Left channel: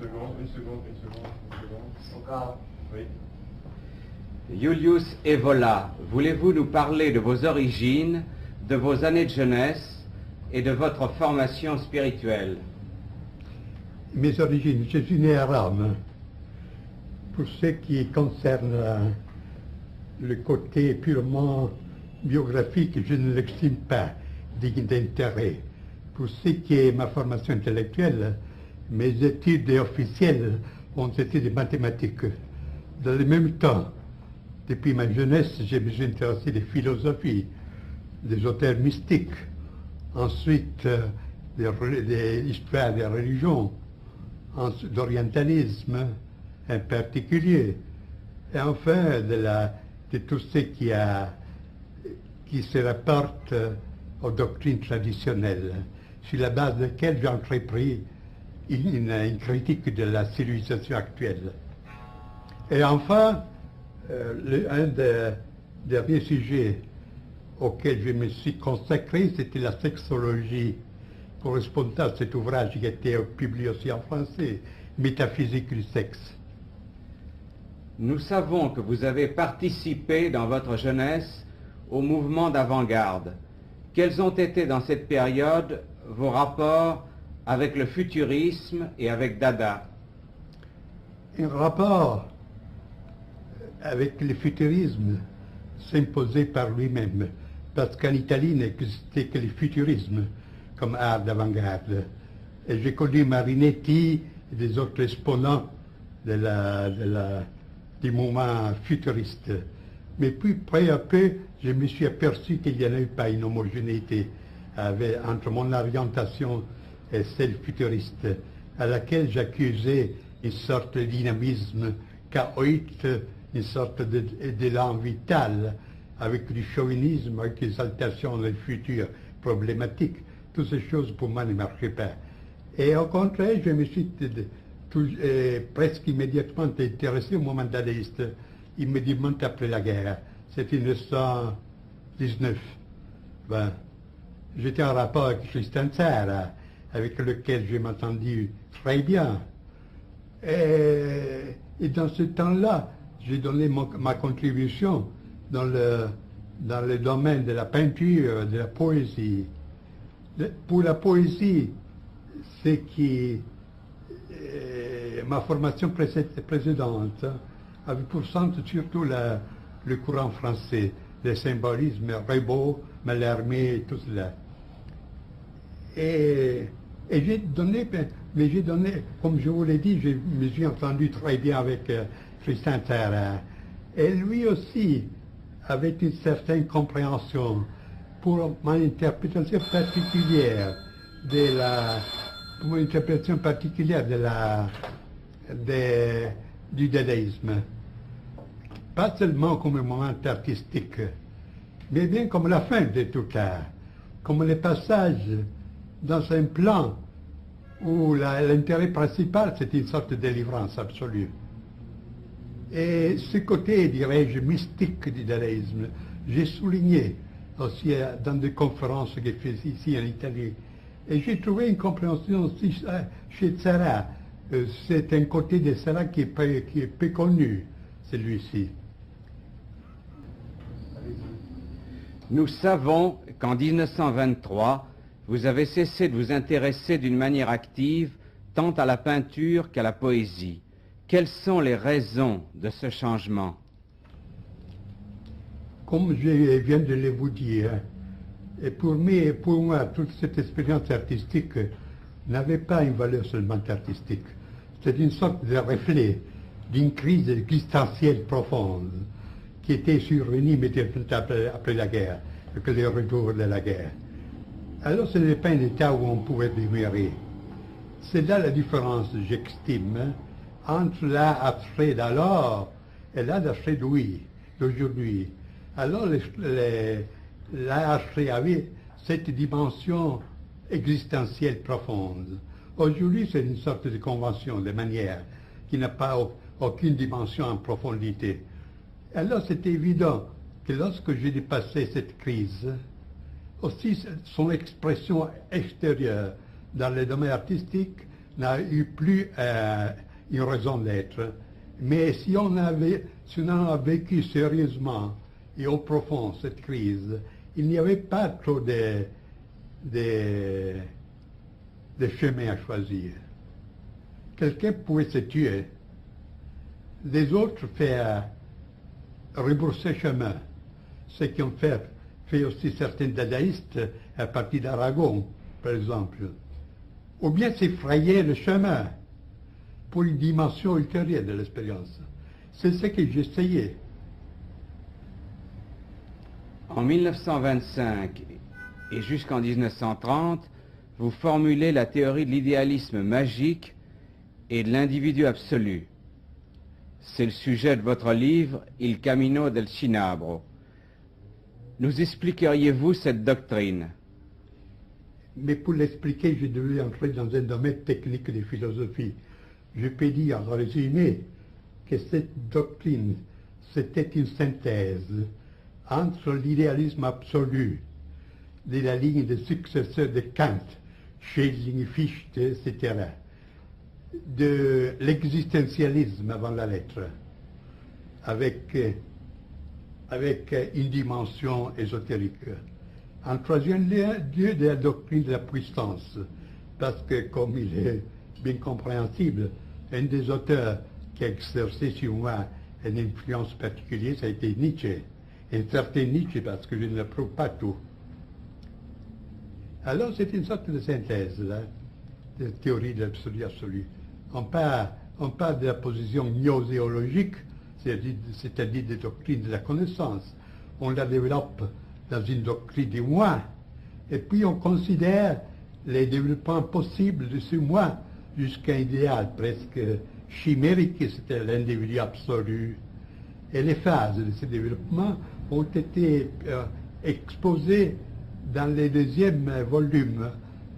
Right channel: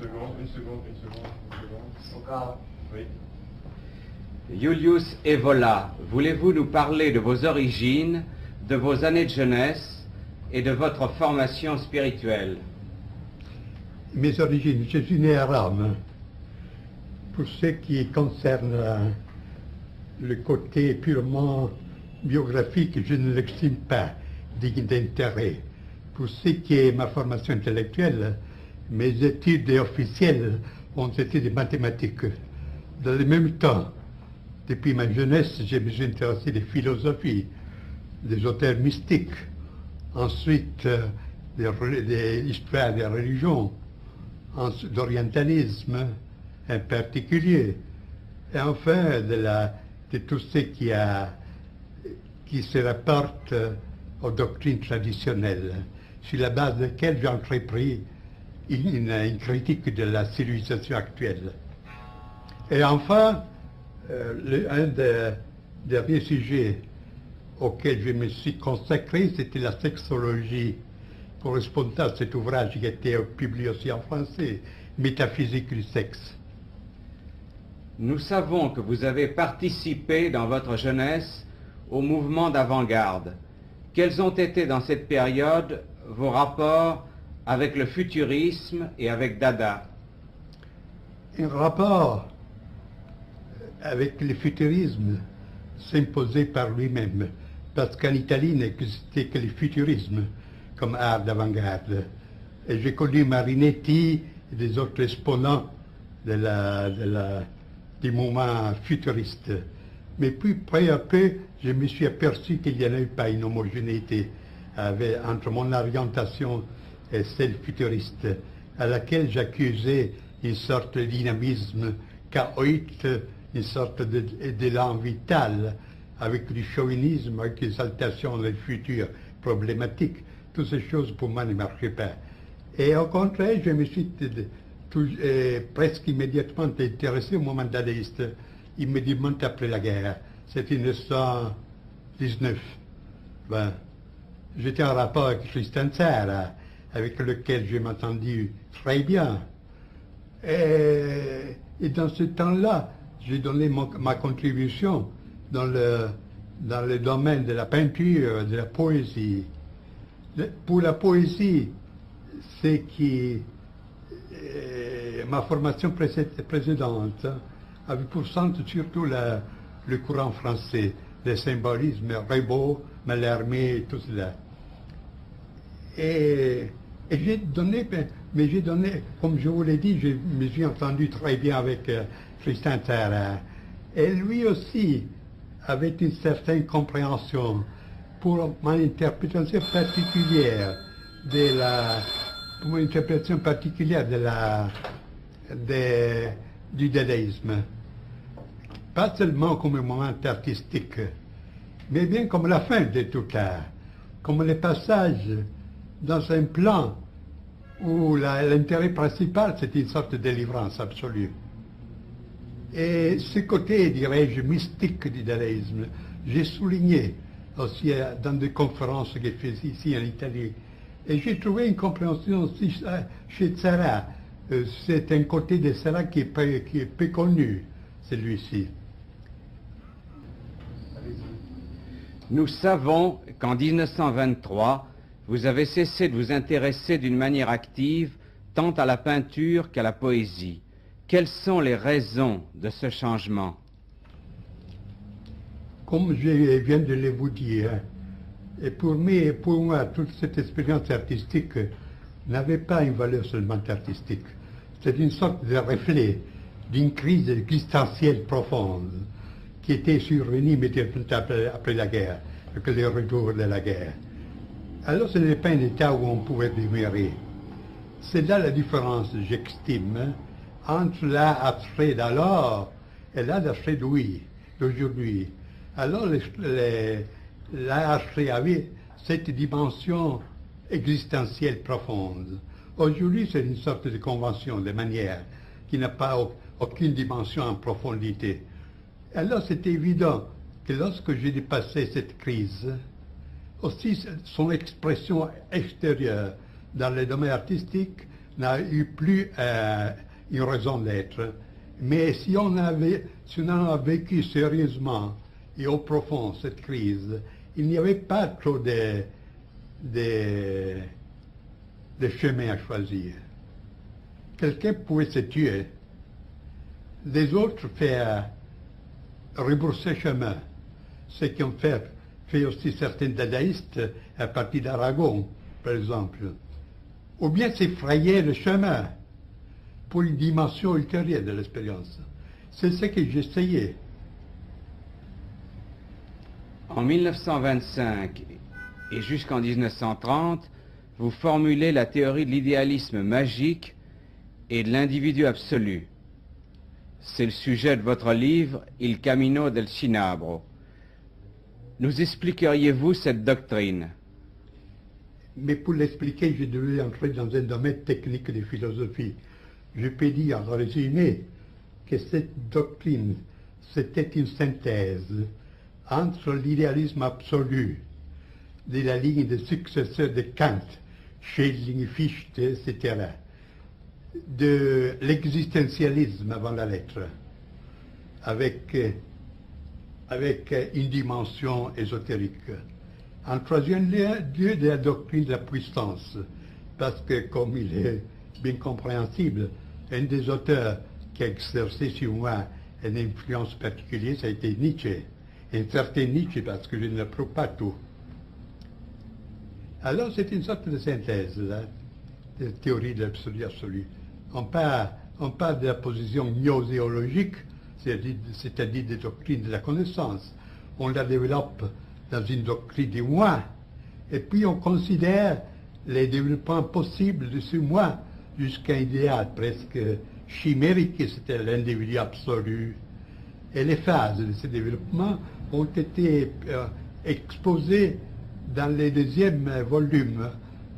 Une seconde. Encore. Oui. Julius Evola, voulez-vous nous parler de vos origines, de vos années de jeunesse et de votre formation spirituelle? Mes origines, je suis né à Rome. Pour ce qui concerne le côté purement biographique, je ne l'estime pas digne d'intérêt. Pour ce qui est ma formation intellectuelle, mes études officielles ont été des mathématiques. Dans le même temps, depuis ma jeunesse, je me suis intéressé des philosophies, des auteurs mystiques, ensuite de l'histoire des religions, d'orientalisme en particulier, et enfin de tout ce qui se rapporte aux doctrines traditionnelles, sur la base de laquelle j'ai entrepris une critique de la civilisation actuelle. Et enfin, un des derniers sujets auxquels je me suis consacré, c'était la sexologie, correspondant à cet ouvrage qui a été publié aussi en français, Métaphysique du sexe. Nous savons que vous avez participé dans votre jeunesse au mouvement d'avant-garde. Quels ont été dans cette période vos rapports avec le futurisme et avec Dada? Un rapport avec le futurisme s'imposait par lui-même, parce qu'en Italie n'existait que le futurisme comme art d'avant-garde. Et j'ai connu Marinetti et des autres exponents du mouvement futuriste. Mais puis, peu à peu, je me suis aperçu qu'il n'y en avait pas une homogénéité entre mon orientation et celle futuriste, à laquelle j'accusais une sorte de dynamisme chaotique, une sorte d'élan vital, avec du chauvinisme, avec l'exaltation du futur problématique. Toutes ces choses, pour moi, ne marchaient pas. Et au contraire, je me suis presque immédiatement intéressé au mouvement dadaïste, immédiatement après la guerre. C'était 1919. Ben, j'étais en rapport avec Tristan Tzara, avec lequel je m'entendis très bien. Et dans ce temps-là, j'ai donné ma contribution dans le domaine de la peinture, de la poésie. Pour la poésie, c'est ma formation précédente avait pour centre surtout le courant français, le symbolisme, Rimbaud, Mallarmé et tout cela. Et j'ai donné, comme je vous l'ai dit, je me suis entendu très bien avec Tristan Tzara. Et lui aussi avait une certaine compréhension pour mon interprétation particulière du dadaïsme. Pas seulement comme un moment artistique, mais bien comme la fin de tout cas, comme le passage dans un plan où l'intérêt principal, c'est une sorte de délivrance absolue. Et ce côté, dirais-je, mystique du dadaïsme, j'ai souligné aussi dans des conférences qu'il fait ici en Italie. Et j'ai trouvé une compréhension aussi chez Tzara. C'est un côté de Tzara qui est peu connu, celui-ci. Nous savons qu'en 1923, vous avez cessé de vous intéresser d'une manière active tant à la peinture qu'à la poésie. Quelles sont les raisons de ce changement? Comme je viens de le vous dire, et pour moi, toute cette expérience artistique n'avait pas une valeur seulement artistique. C'est une sorte de reflet d'une crise existentielle profonde qui était survenue immédiatement après la guerre, avec le retour de la guerre. Alors ce n'est pas un état où on pouvait demeurer. C'est là la différence, j'estime, entre l'art abstrait d'alors et l'art abstrait d'aujourd'hui. Alors l'art abstrait avait cette dimension existentielle profonde. Aujourd'hui, c'est une sorte de convention, de manière, qui n'a pas aucune dimension en profondité. Alors c'est évident que lorsque j'ai dépassé cette crise, aussi son expression extérieure dans le domaine artistique n'a eu plus une raison d'être. Mais si on en a vécu sérieusement et au profond cette crise, il n'y avait pas trop de chemin à choisir. Quelqu'un pouvait se tuer, les autres faire rebrousser chemin, ce qui ont fait aussi certains dadaïstes à partir d'Aragon, par exemple, ou bien s'effrayer le chemin pour une dimension ultérieure de l'expérience. C'est ce que j'essayais. En 1925 et jusqu'en 1930, vous formulez la théorie de l'idéalisme magique et de l'individu absolu. C'est le sujet de votre livre « Il Camino del Cinabro ». Nous expliqueriez-vous cette doctrine? Mais pour l'expliquer, je devais entrer dans un domaine technique de philosophie. Je peux dire en résumé que cette doctrine, c'était une synthèse entre l'idéalisme absolu de la ligne des successeurs de Kant, Schelling, Fichte, etc., de l'existentialisme avant la lettre, avec une dimension ésotérique. En troisième lieu, de la doctrine de la puissance, parce que, comme il est bien compréhensible, un des auteurs qui a exercé sur moi une influence particulière, ça a été Nietzsche. Un certain Nietzsche, parce que je ne l'approuve pas tout. Alors c'est une sorte de synthèse, là, de théorie de l'absolu absolu. On parle de la position gnoséologique, c'est-à-dire des doctrines de la connaissance. On la développe dans une doctrine du moi, et puis on considère les développements possibles de ce moi jusqu'à un idéal presque chimérique, c'était l'individu absolu. Et les phases de ce développement ont été exposées dans le deuxième volume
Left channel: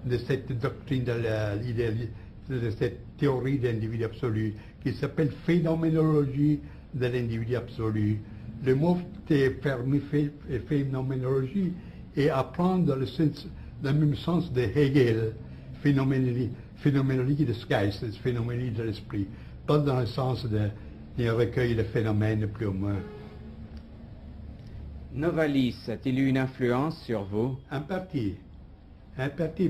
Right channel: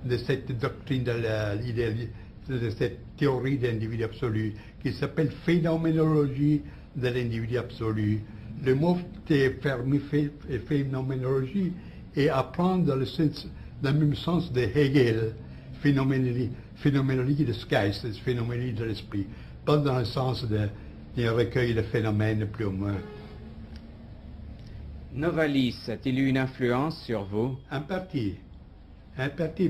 de cette doctrine de cette théorie de l'individu absolu, qui s'appelle phénoménologie de l'individu absolu. Le mot est phénoménologie et apprendre dans le même sens de Hegel, phénoménologie des Geistes, phénoménologie de l'esprit, pas dans le sens d'un recueil de phénomènes plus ou moins. Novalis a-t-il eu une influence sur vous? En partie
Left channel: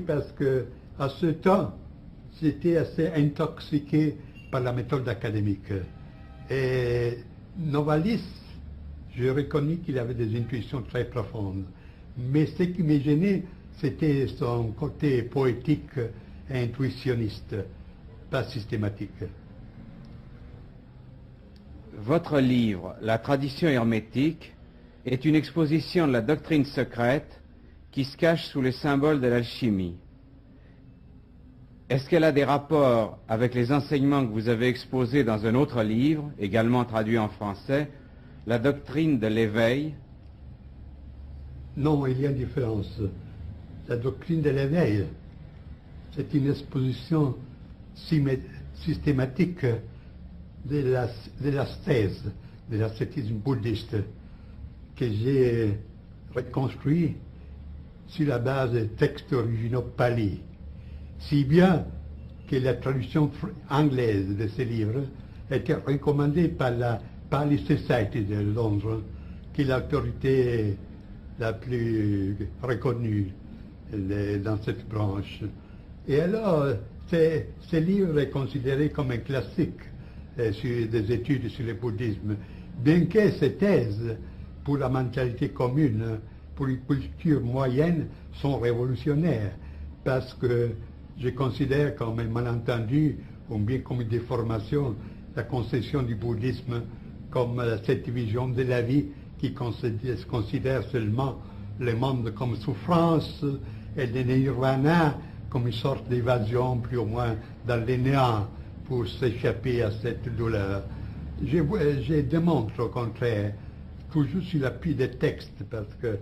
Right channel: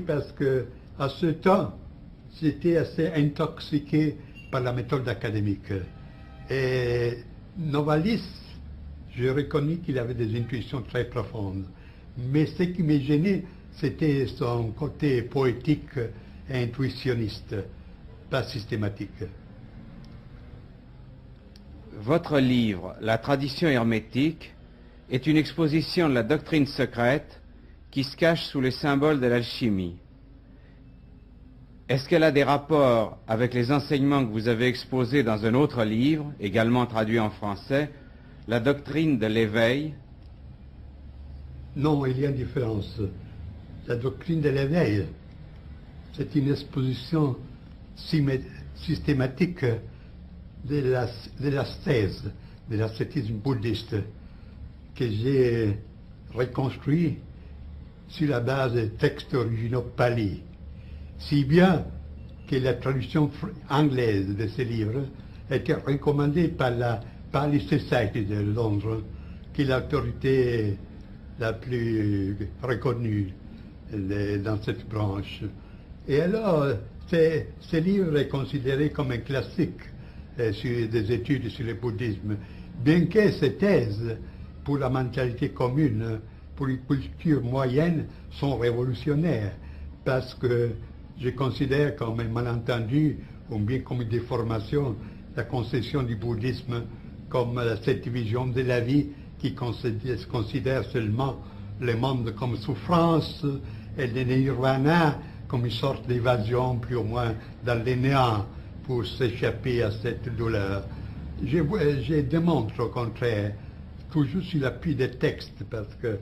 parce que à ce temps, j'étais assez intoxiqué par la méthode académique. Et Novalis, j'ai reconnu qu'il avait des intuitions très profondes. Mais ce qui me gênait, c'était son côté poétique et intuitionniste, pas systématique. Votre livre, La tradition hermétique, est une exposition de la doctrine secrète qui se cache sous les symboles de l'alchimie. Est-ce qu'elle a des rapports avec les enseignements que vous avez exposés dans un autre livre, également traduit en français, La doctrine de l'éveil? Non, il y a une différence. La doctrine de l'éveil, c'est une exposition systématique de l'ascèse, de l'ascétisme bouddhiste, que j'ai reconstruit sur la base des textes originaux pali. Si bien que la traduction anglaise de ces livres était recommandée par la Pali Society de Londres, qui est l'autorité la plus reconnue dans cette branche. Et alors, ce livre est considéré comme un classique sur des études sur le bouddhisme, bien que ces thèses pour la mentalité commune, pour une culture moyenne, sont révolutionnaires, parce que je considère comme un malentendu, ou bien comme une déformation, la conception du bouddhisme comme cette vision de la vie qui considère seulement le monde comme souffrance et le nirvana comme une sorte d'évasion plus ou moins dans le néant pour s'échapper à cette douleur. Je démontre au contraire, toujours sur l'appui des textes, parce que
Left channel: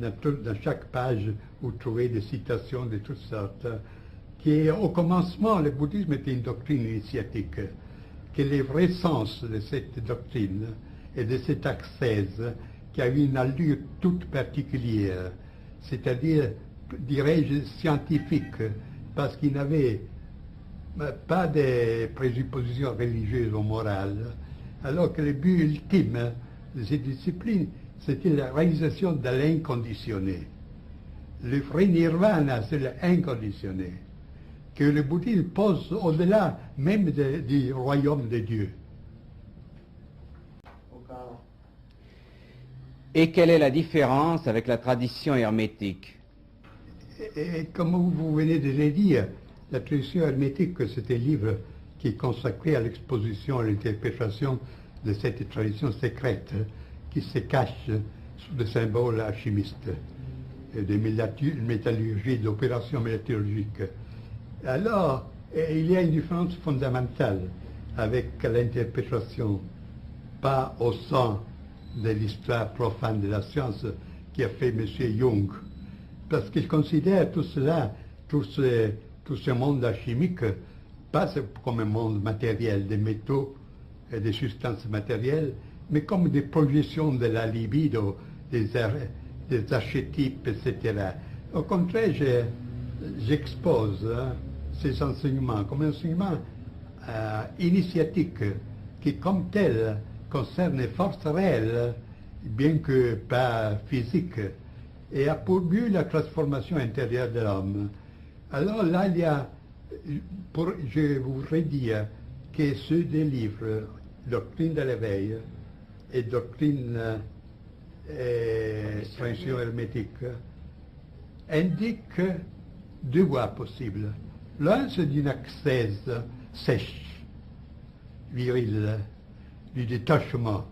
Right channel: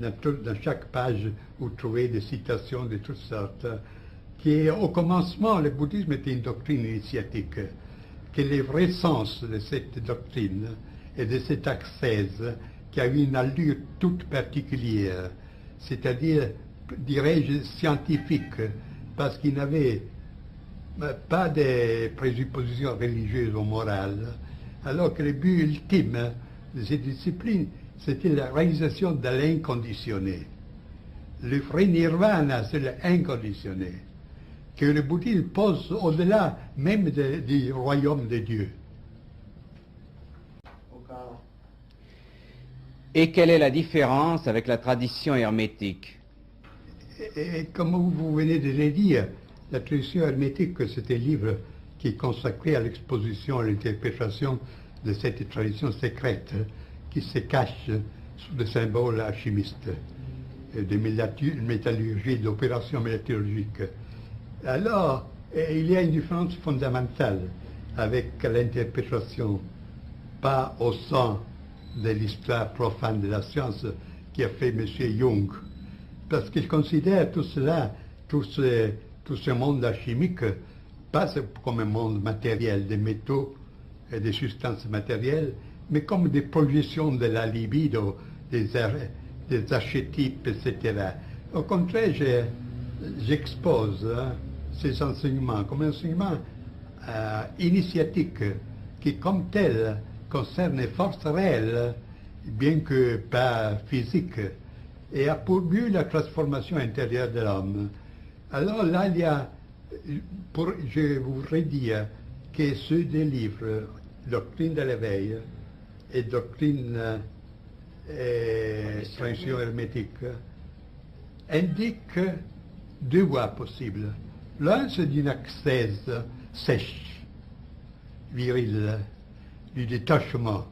dans chaque page, vous trouvez des citations de toutes sortes, qu'au commencement, le bouddhisme était une doctrine initiatique, que le vrai sens de cette doctrine et de cette ascèse, qui avait une allure toute particulière, c'est-à-dire, dirais-je, scientifique, parce qu'il n'avait mais pas des présuppositions religieuses ou morales. Alors que le but ultime de cette discipline, c'était la réalisation de l'inconditionné. Le vrai nirvana, c'est l'inconditionné, que le bouddhisme pose au-delà même du royaume de Dieu. Et quelle est la différence avec la tradition hermétique? Et comme vous venez de le dire, la tradition hermétique, c'est un livre qui est consacré à l'exposition, à l'interprétation de cette tradition secrète qui se cache sous le symbole alchimiste de métallurgie, d'opération métallurgique. Alors, il y a une différence fondamentale avec l'interprétation, pas au sens de l'histoire profane de la science qui a fait M. Jung, parce qu'il considère tout cela, tout ce monde alchimique, pas comme un monde matériel de métaux et de substances matérielles, mais comme des projections de la libido, des archétypes, etc. Au contraire, j'expose ces enseignements comme un enseignement initiatique qui, comme tel, concerne les forces réelles, bien que pas physiques, et a pour but la transformation intérieure de l'homme. Alors là, il y a, je voudrais dire que ceux des livres, Doctrine de l'éveil et Doctrine tradition hermétique, indiquent deux voies possibles. L'un, c'est d'une ascèse sèche, virile, du détachement.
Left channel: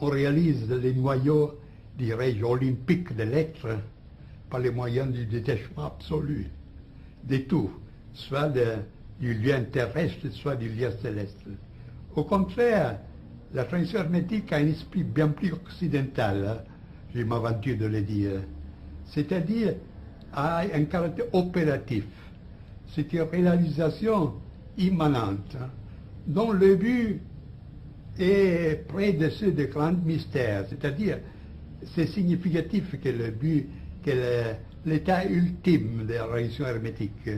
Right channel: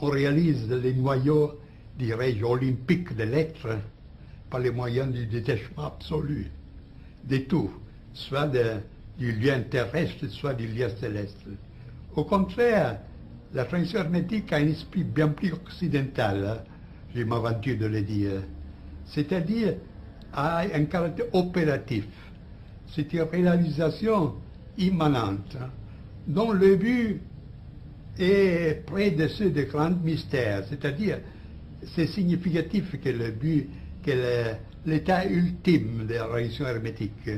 On réalise les noyaux, dirais-je, olympiques de l'être par les moyens du détachement absolu de tout, soit du lien terrestre, soit du lien céleste. Au contraire, la tradition hermétique a un esprit bien plus occidental, je m'aventure de le dire, c'est-à-dire a un caractère opératif. C'est une réalisation immanente, dont le but est près de ceux des grands mystères, c'est-à-dire c'est significatif que le but, que l'état ultime de la religion hermétique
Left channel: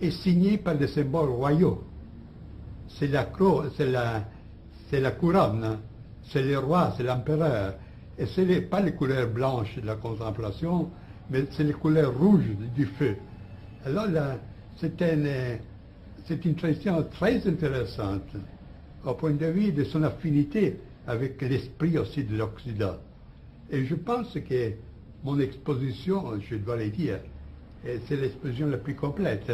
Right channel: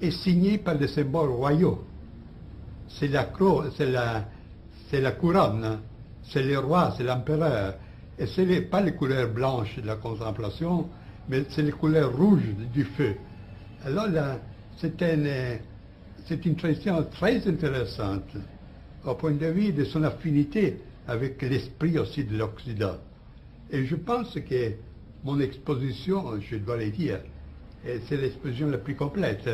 est signé par des symboles royaux. C'est la couronne, c'est le roi, c'est l'empereur. Et ce n'est pas les couleurs blanches de la contemplation, mais c'est les couleurs rouges du feu. Alors là, c'est une tradition très intéressante au point de vue de son affinité avec l'esprit aussi de l'Occident. Et je pense que mon exposition, je dois le dire, c'est l'exposition la plus complète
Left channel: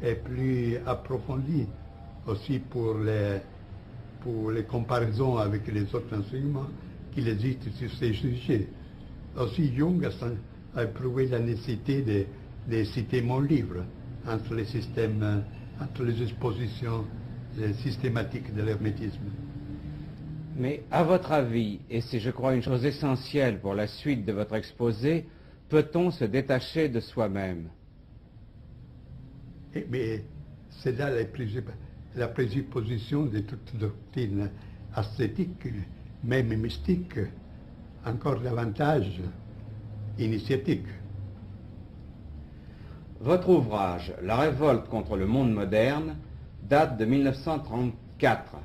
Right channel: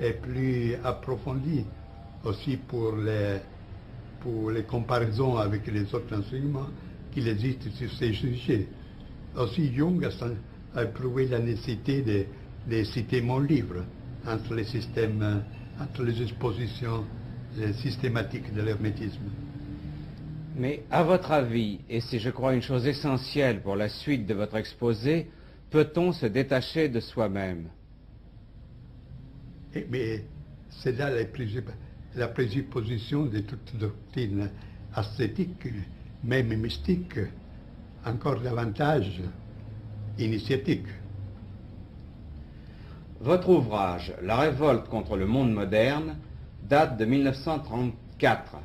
et plus approfondie aussi pour les comparaisons avec les autres enseignements qu'il existe sur ces sujets. Aussi Jung a éprouvé la nécessité de citer mon livre entre les systèmes, entre les expositions systématiques de l'hermétisme. Mais à votre avis, et c'est je crois une chose essentielle pour la suite de votre exposé, peut-on se détacher de soi-même? Mais c'est là la présupposition de toute doctrine ascétique, même mystique, encore davantage initiatique. Votre ouvrage, La révolte contre le monde moderne, date de 1934.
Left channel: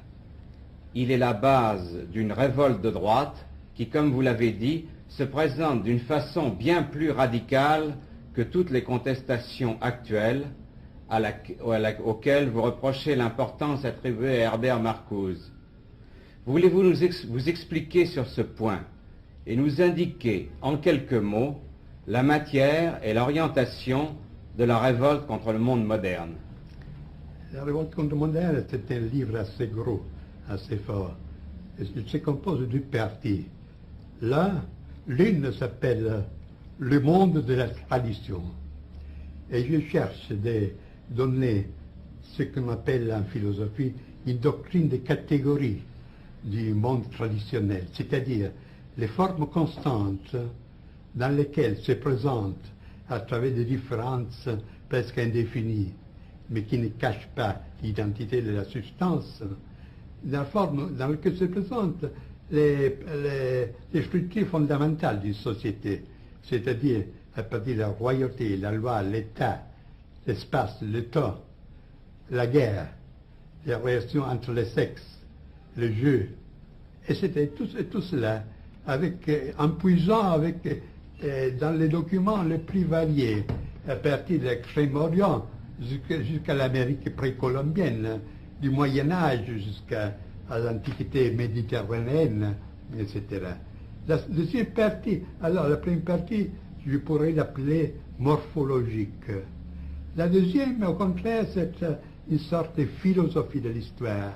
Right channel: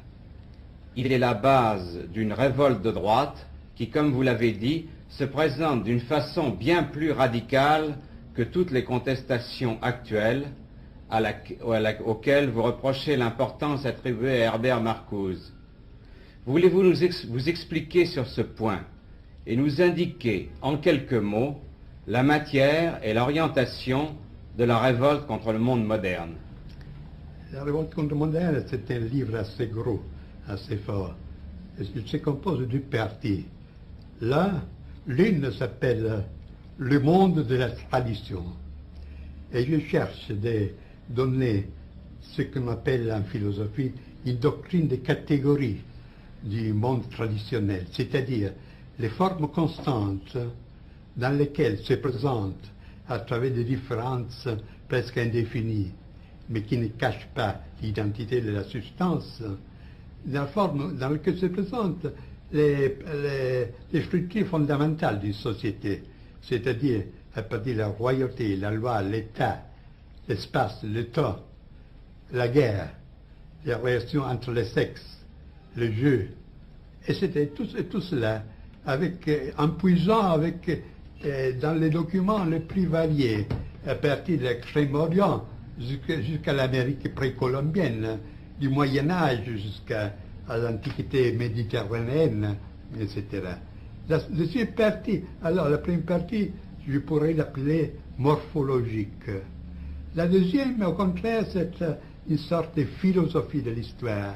Il est la base d'une révolte de droite qui, comme vous l'avez dit, se présente d'une façon bien plus radicale que toutes les contestations actuelles auxquelles vous reprochez l'importance attribuée à Herbert Marcuse. Voulez-vous vous expliquer sur ce point et nous indiquer en quelques mots la matière et l'orientation de la révolte contre le monde moderne? La révolte contre le monde moderne, c'est un livre assez gros, assez fort. Il se compose de deux parties. L'une s'appelle Le monde de la tradition. Et je cherche de donner ce qu'on appelle en philosophie une doctrine de catégories du monde traditionnel, c'est-à-dire les formes constantes dans lesquelles se présentent à travers des différences presque indéfinies, mais qui ne cachent pas l'identité de la substance, la forme dans laquelle se présentent les structures fondamentales d'une société, c'est-à-dire à partir de la royauté, la loi, l'État, l'espace, le temps, la guerre, les relations entre les sexes, le jeu. Et c'était tout cela, en puisant dans les documents les plus variés, à partir de l'Extrême-Orient jusqu'à l'Amérique précolombienne, du Moyen-Âge jusqu'à l'Antiquité méditerranéenne, etc. La première partie, je pourrais l'appeler morphologique. La deuxième, au contraire, c'est une sorte de philosophie de l'histoire.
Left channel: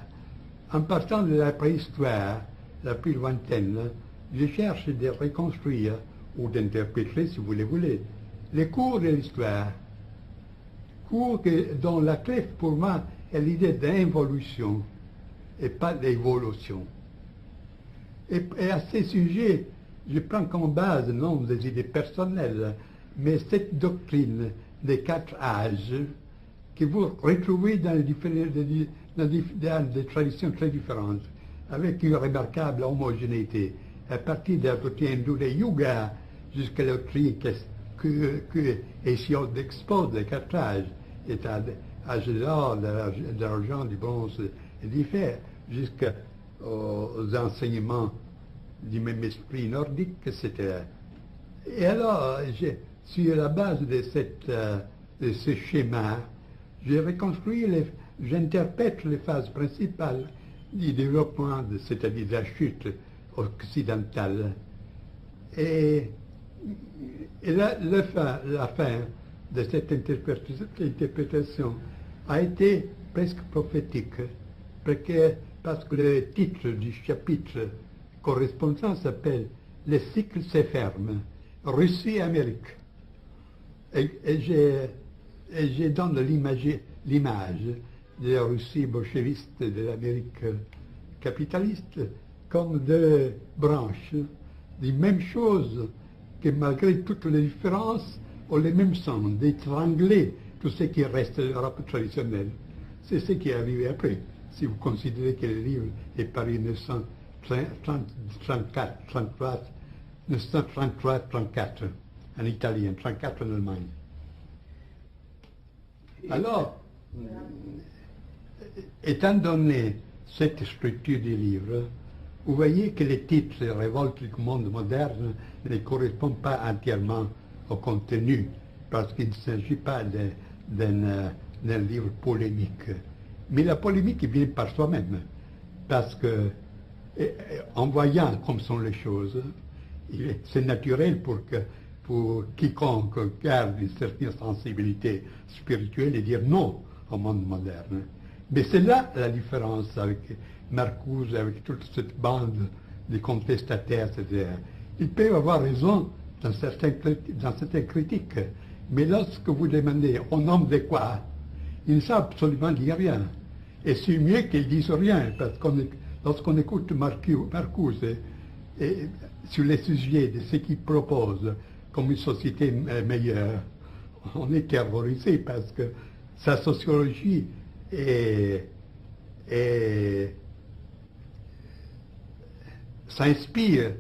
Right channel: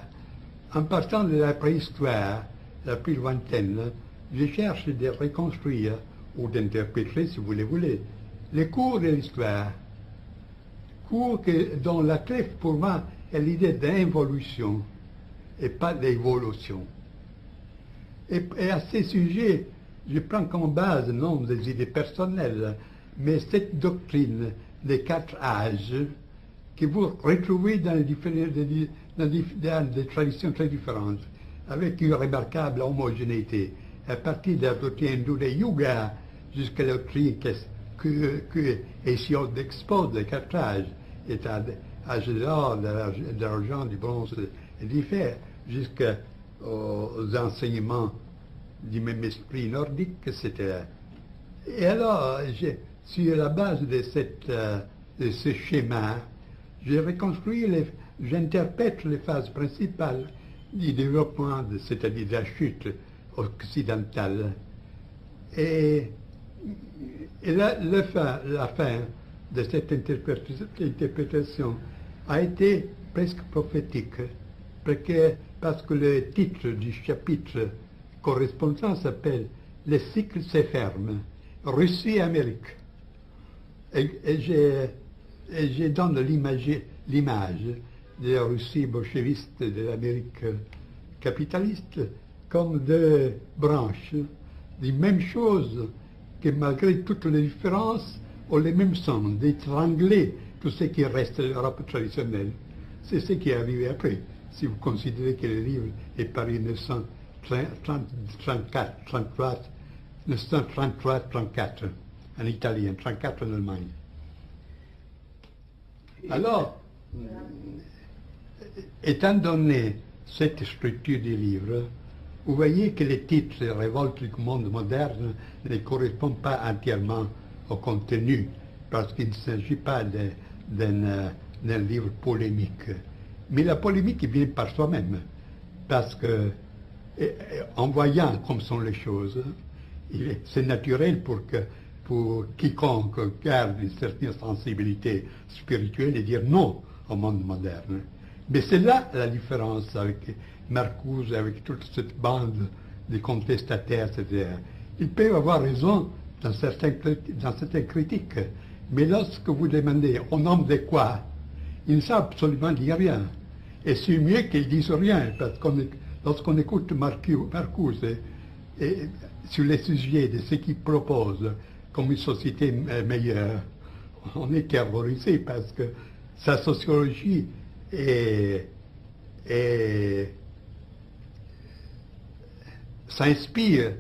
En partant de la préhistoire, la plus lointaine, je cherche de reconstruire, ou d'interpréter, si vous le voulez, les cours de l'histoire. Cours dont la clé, pour moi, est l'idée d'involution, et pas d'évolution. Et à ces sujets, je prends comme base non des idées personnelles, mais cette doctrine des 4 âges que vous retrouvez dans des traditions très différentes, avec une remarquable homogénéité, à partir de la doctrine du Yuga jusqu'à la doctrine que Hésiode expose des 4 âges, l'âge de l'or, de l'argent, du bronze et du fer, jusqu'aux enseignements du même esprit nordique, etc. Et alors, sur la base de ce schéma, j'interprète les phases principales du développement, c'est-à-dire de la chute occidentale. Et la fin de cette interprétation a été presque prophétique, parce que le titre du chapitre correspondant s'appelle « Le cycle se ferme, Russie et Amérique ». Et je donne l'image de la Russie bolchéviste et de l'Amérique capitaliste comme deux branches des mêmes choses que malgré toutes les différences ont les mêmes sens, d'étrangler tout ce qui reste de l'Europe traditionnelle. C'est ce qui est arrivé après, si vous considérez que le livre est paru en 1933-34 en Italie, en 1934 en Allemagne. Alors, étant donné cette structure du livre, vous voyez que les titres « Révolte du monde moderne » ne correspondent pas entièrement au contenu, parce qu'il ne s'agit pas d'un livre polémique. Mais la polémique vient par soi-même, parce que, en voyant comme sont les choses, c'est naturel pour quiconque garde une certaine sensibilité spirituelle de dire non au monde moderne. Mais c'est là la différence avec Marcuse, avec toute cette bande de contestataires, etc. Ils peuvent avoir raison dans certaines critiques, mais lorsque vous demandez au nom de quoi, ils ne savent absolument dire rien. Et c'est mieux qu'ils disent rien, parce que lorsqu'on écoute Marcuse sur les sujets de ce qu'il propose comme une société meilleure, on est terrorisé parce que sa sociologie s'inspire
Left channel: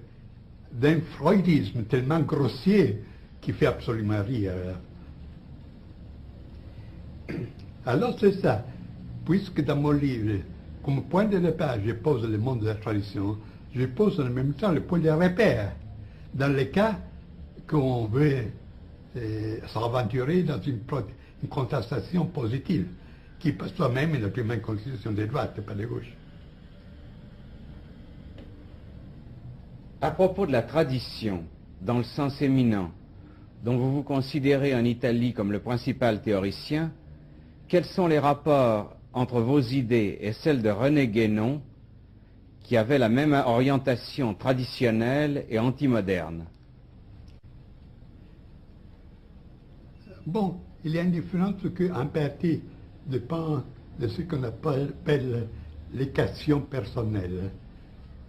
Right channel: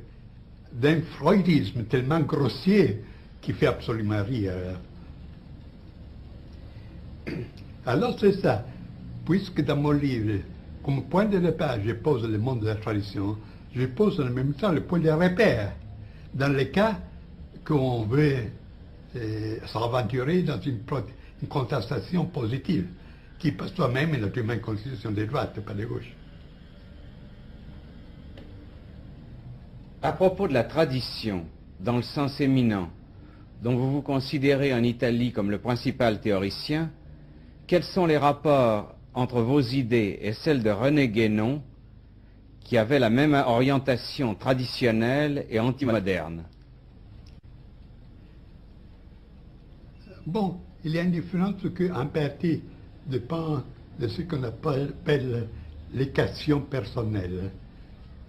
d'un freudisme tellement grossier qui fait absolument rire. Alors c'est ça, puisque dans mon livre, comme point de départ, je pose le monde de la tradition, je pose en même temps le point de repère, dans le cas qu'on veut s'aventurer dans une contestation positive, qui par soi-même est naturellement une constitution de droite et pas de gauche. À propos de la tradition, dans le sens éminent, dont vous vous considérez en Italie comme le principal théoricien, quels sont les rapports entre vos idées et celles de René Guénon, qui avait la même orientation traditionnelle et antimoderne? Bon, il y a une différence qu'en partie dépend de ce qu'on appelle l'équation personnelle.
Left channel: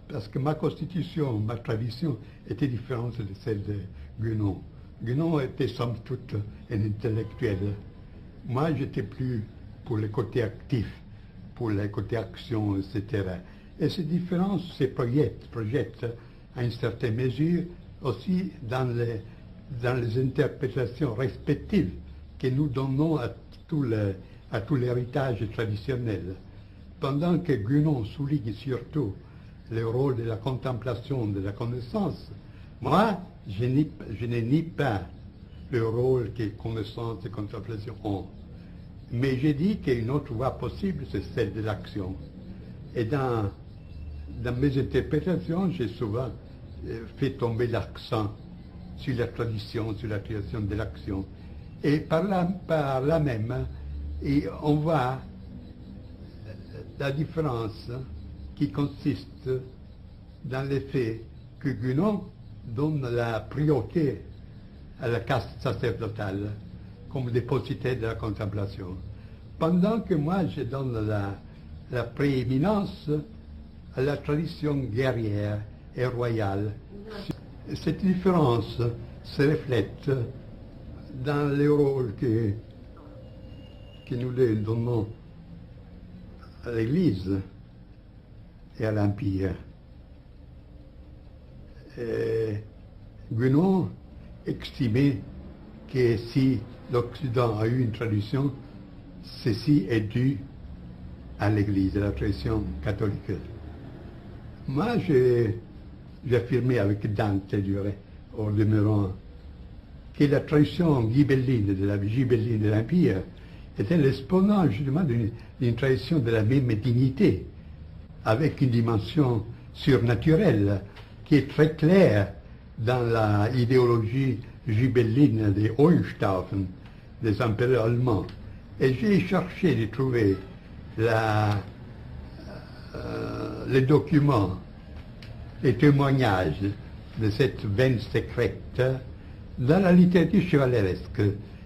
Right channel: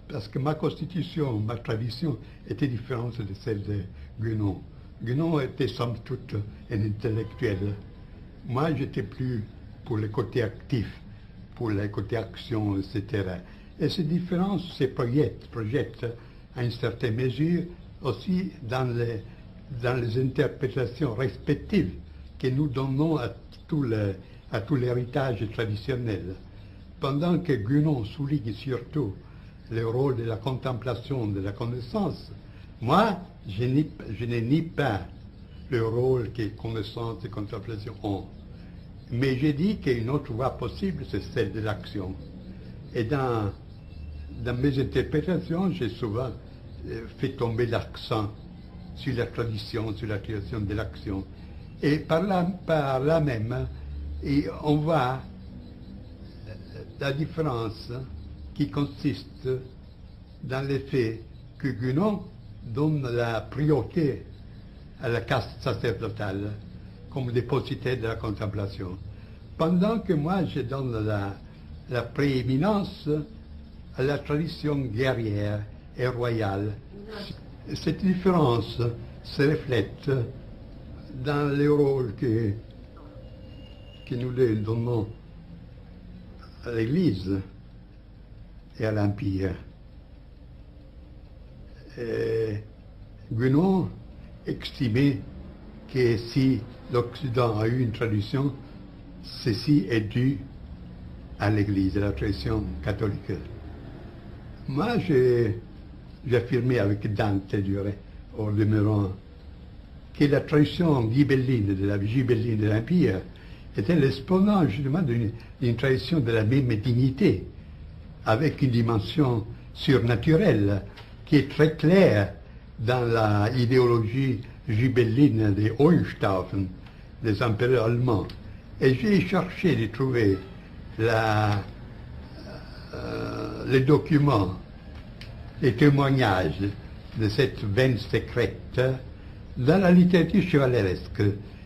Parce que ma constitution, ma tradition était différente de celle de Guénon. Guénon était somme toute un intellectuel. Moi, j'étais plus pour le côté actif, pour le côté action, etc. Et ces différences se projettent à une certaine mesure aussi dans les interprétations respectives que nous donnons à à tout l'héritage traditionnel. Pendant que Guénon souligne surtout le rôle de la contemplation, de la connaissance, moi, je ne nie pas le rôle que connaissance et contemplation ont. Mais je dis qu'une autre voie possible, c'est celle de l'action. Et dans mes interprétations, j'ai souvent fait tomber l'accent sur la tradition, sur la création de l'action. Et par là même, et on voit la différence qui consiste dans le fait que Guénon donne la priorité à la caste sacerdotale comme dépositaire de la contemplation, pendant que moi je donne la prééminence à la tradition guerrière et royale. Cette différence se reflète dans le rôle que nous donnons à l'Église et à l'Empire. Guénon estimait que si l'Occident a eu une tradition, ceci est dû à l'Église, à la tradition catholique. Moi, j'affirmais avec Dante, au demeurant, que la tradition ghibelline de l'Empire était l'exponent justement d'une tradition de la même dignité, avec une dimension surnaturelle qui est très claire dans l'idéologie ghibelline des Hohenstaufen, des empereurs allemands. Et j'ai cherché de trouver les documents, les témoignages de cette veine secrète dans la littérature chevaleresque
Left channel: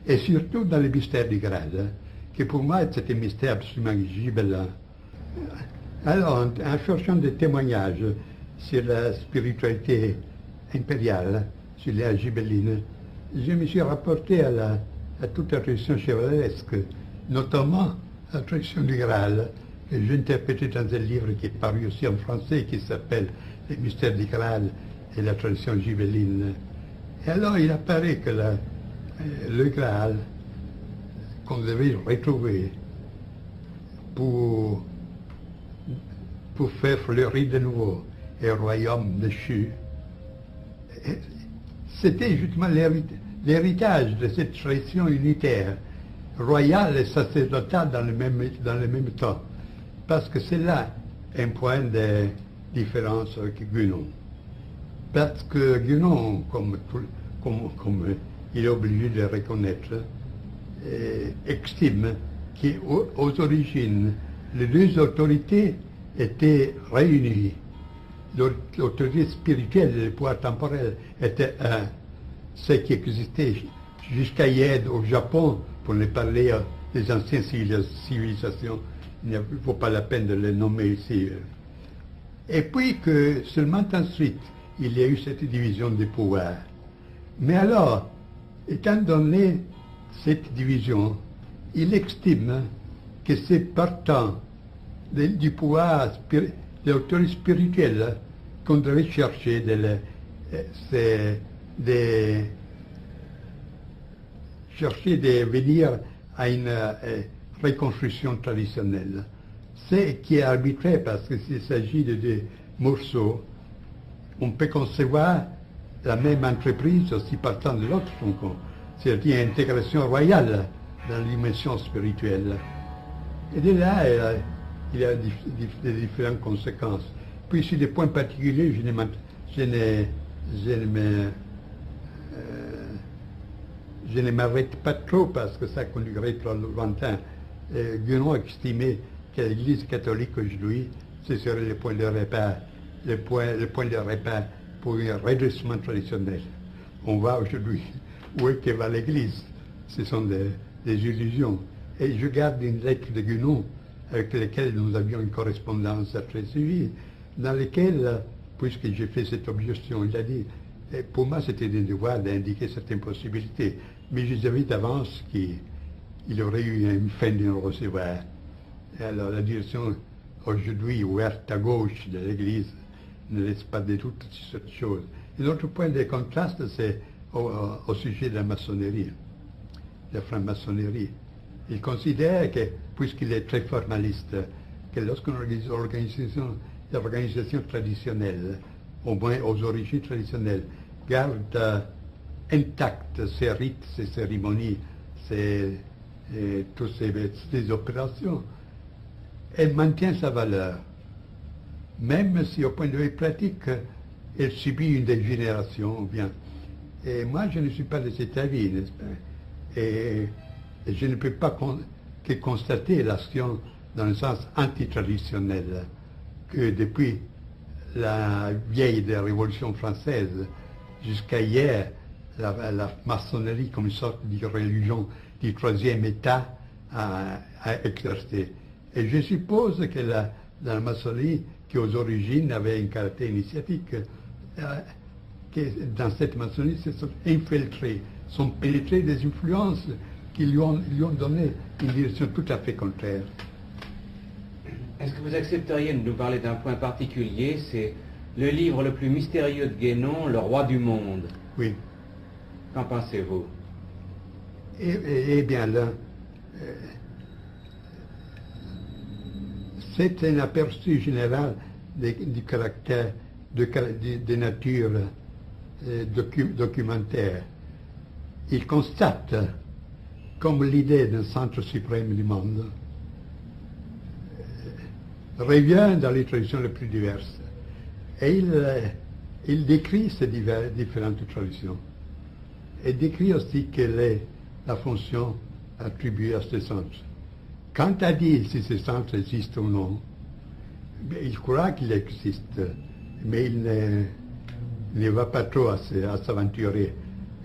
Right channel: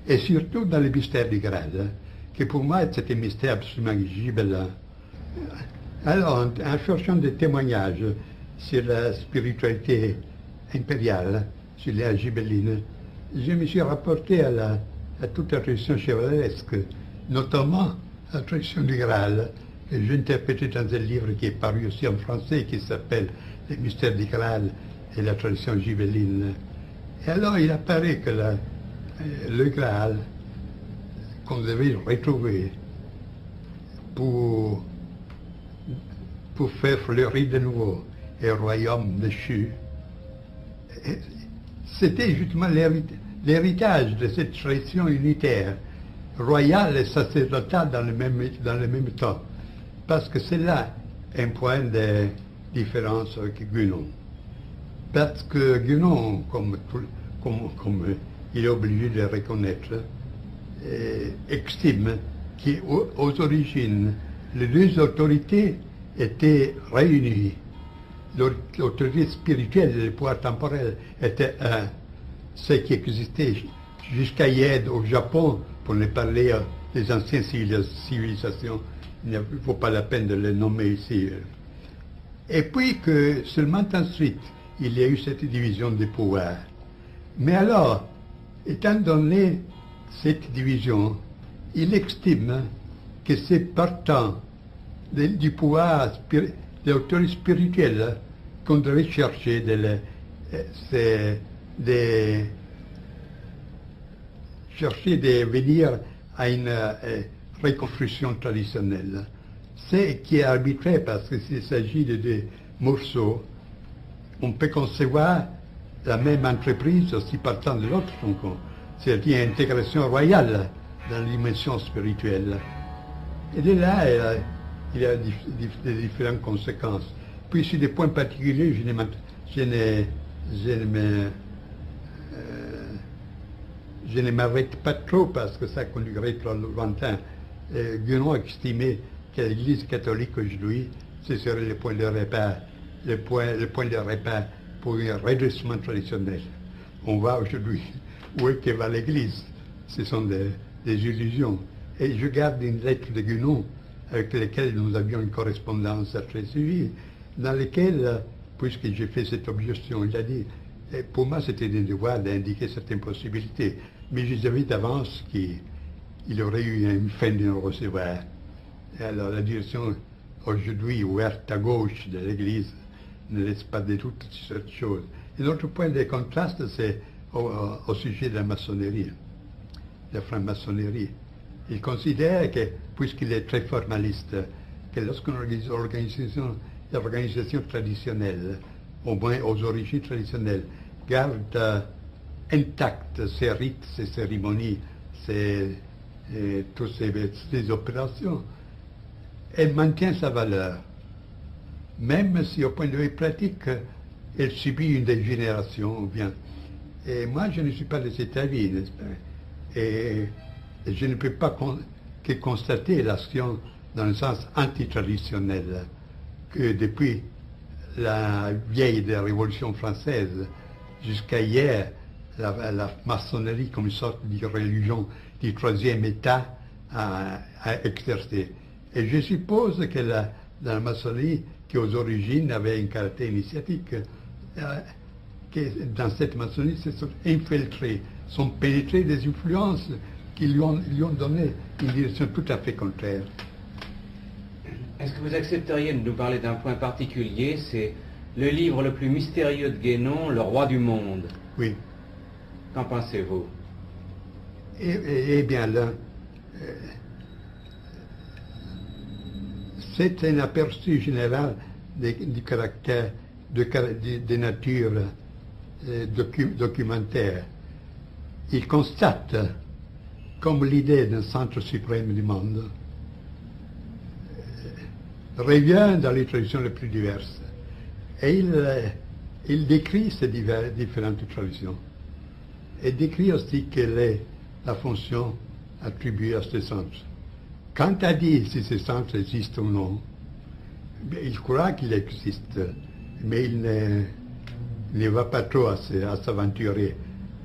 et surtout dans le mystère du Graal, qui pour moi c'était un mystère absolument gibelin. Alors, en cherchant des témoignages sur la spiritualité impériale, sur l'ère gibelline, je me suis rapporté à toute la tradition chevaleresque, notamment la tradition du Graal, que j'ai interprété dans un livre qui est paru aussi en français, qui s'appelle Les mystères du Graal et la tradition gibelline. Et alors il apparaît que le Graal, qu'on devait retrouver pour faire fleurir de nouveau un royaume déchu, c'était justement l'héritage de cette tradition unitaire, royale et sacerdotale dans le même temps. Parce que c'est là un point de différence avec Guénon. Parce que Guénon, comme il est obligé de reconnaître, estime qu'aux origines, les deux autorités étaient réunies. L'autorité spirituelle et le pouvoir temporel étaient un. Ce qui existait jusqu'à hier au Japon, pour ne parler des anciennes civilisations, il ne vaut pas la peine de les nommer ici. Et puis que seulement ensuite, il y a eu cette division des pouvoirs. Mais alors, étant donné cette division, il estime que c'est partant du pouvoir de l'autorité spirituelle qu'on devait chercher de venir à une reconstruction traditionnelle. C'est qui est arbitraire parce qu'il s'agit de des morceaux. On peut concevoir la même entreprise aussi partant de l'autre, c'est-à-dire intégration royale dans la dimension spirituelle. Et de là, il y a des différentes conséquences. Puis sur des points particuliers, je ne m'arrête pas trop parce que ça conduirait trop lointain. Guénon estimait que l'Église catholique aujourd'hui, ce serait le point de repère, le point de repère pour un redressement traditionnel. On voit aujourd'hui où est que va l'Église. Ce sont des illusions. Et je garde une lettre de Guénon avec laquelle nous avions une correspondance très suivie, dans laquelle, puisque j'ai fait cette objection, il a dit, pour moi c'était un devoir d'indiquer certaines possibilités, mais je savais d'avance qu'il aurait eu une fin de nous recevoir. Et alors la direction aujourd'hui ouverte à gauche de l'Église ne laisse pas de doute sur cette chose. Et l'autre point de contraste, c'est au sujet de la maçonnerie, de la franc-maçonnerie. Il considère que, puisqu'il est très formaliste, que lorsqu'on organise l'organisation traditionnelle, au moins aux origines traditionnelles, garde intactes ces rites, ces cérémonies, toutes ces opérations, elle maintient sa valeur. Même si au point de vue pratique, elle subit une dégénération ou bien. Et moi, je ne suis pas de cet avis, n'est-ce pas? Et je ne peux pas que constater l'action dans le sens antitraditionnel, que depuis la vieille de la Révolution française jusqu'à hier, la maçonnerie comme une sorte de religion du troisième État a exercé. Et je suppose que la maçonnerie, qui aux origines avait un caractère initiatique, que dans cette maçonnerie se sont infiltrés, sont pénétrés des influences qui lui ont donné une direction tout à fait contraire. Est-ce que vous accepteriez de nous parler d'un point particulier? C'est le livre le plus mystérieux de Guénon, Le Roi du Monde. Oui. Qu'en pensez-vous? Eh bien là, c'est un aperçu général du caractère de nature documentaire. Il constate comme l'idée d'un centre suprême du monde revient dans les traditions les plus diverses. Et il décrit ces différentes traditions. Et décrit aussi quelle est la fonction attribuée à ce centre. Quant à dire si ce centre existe ou non, il croit qu'il existe, mais il ne va pas trop à s'aventurer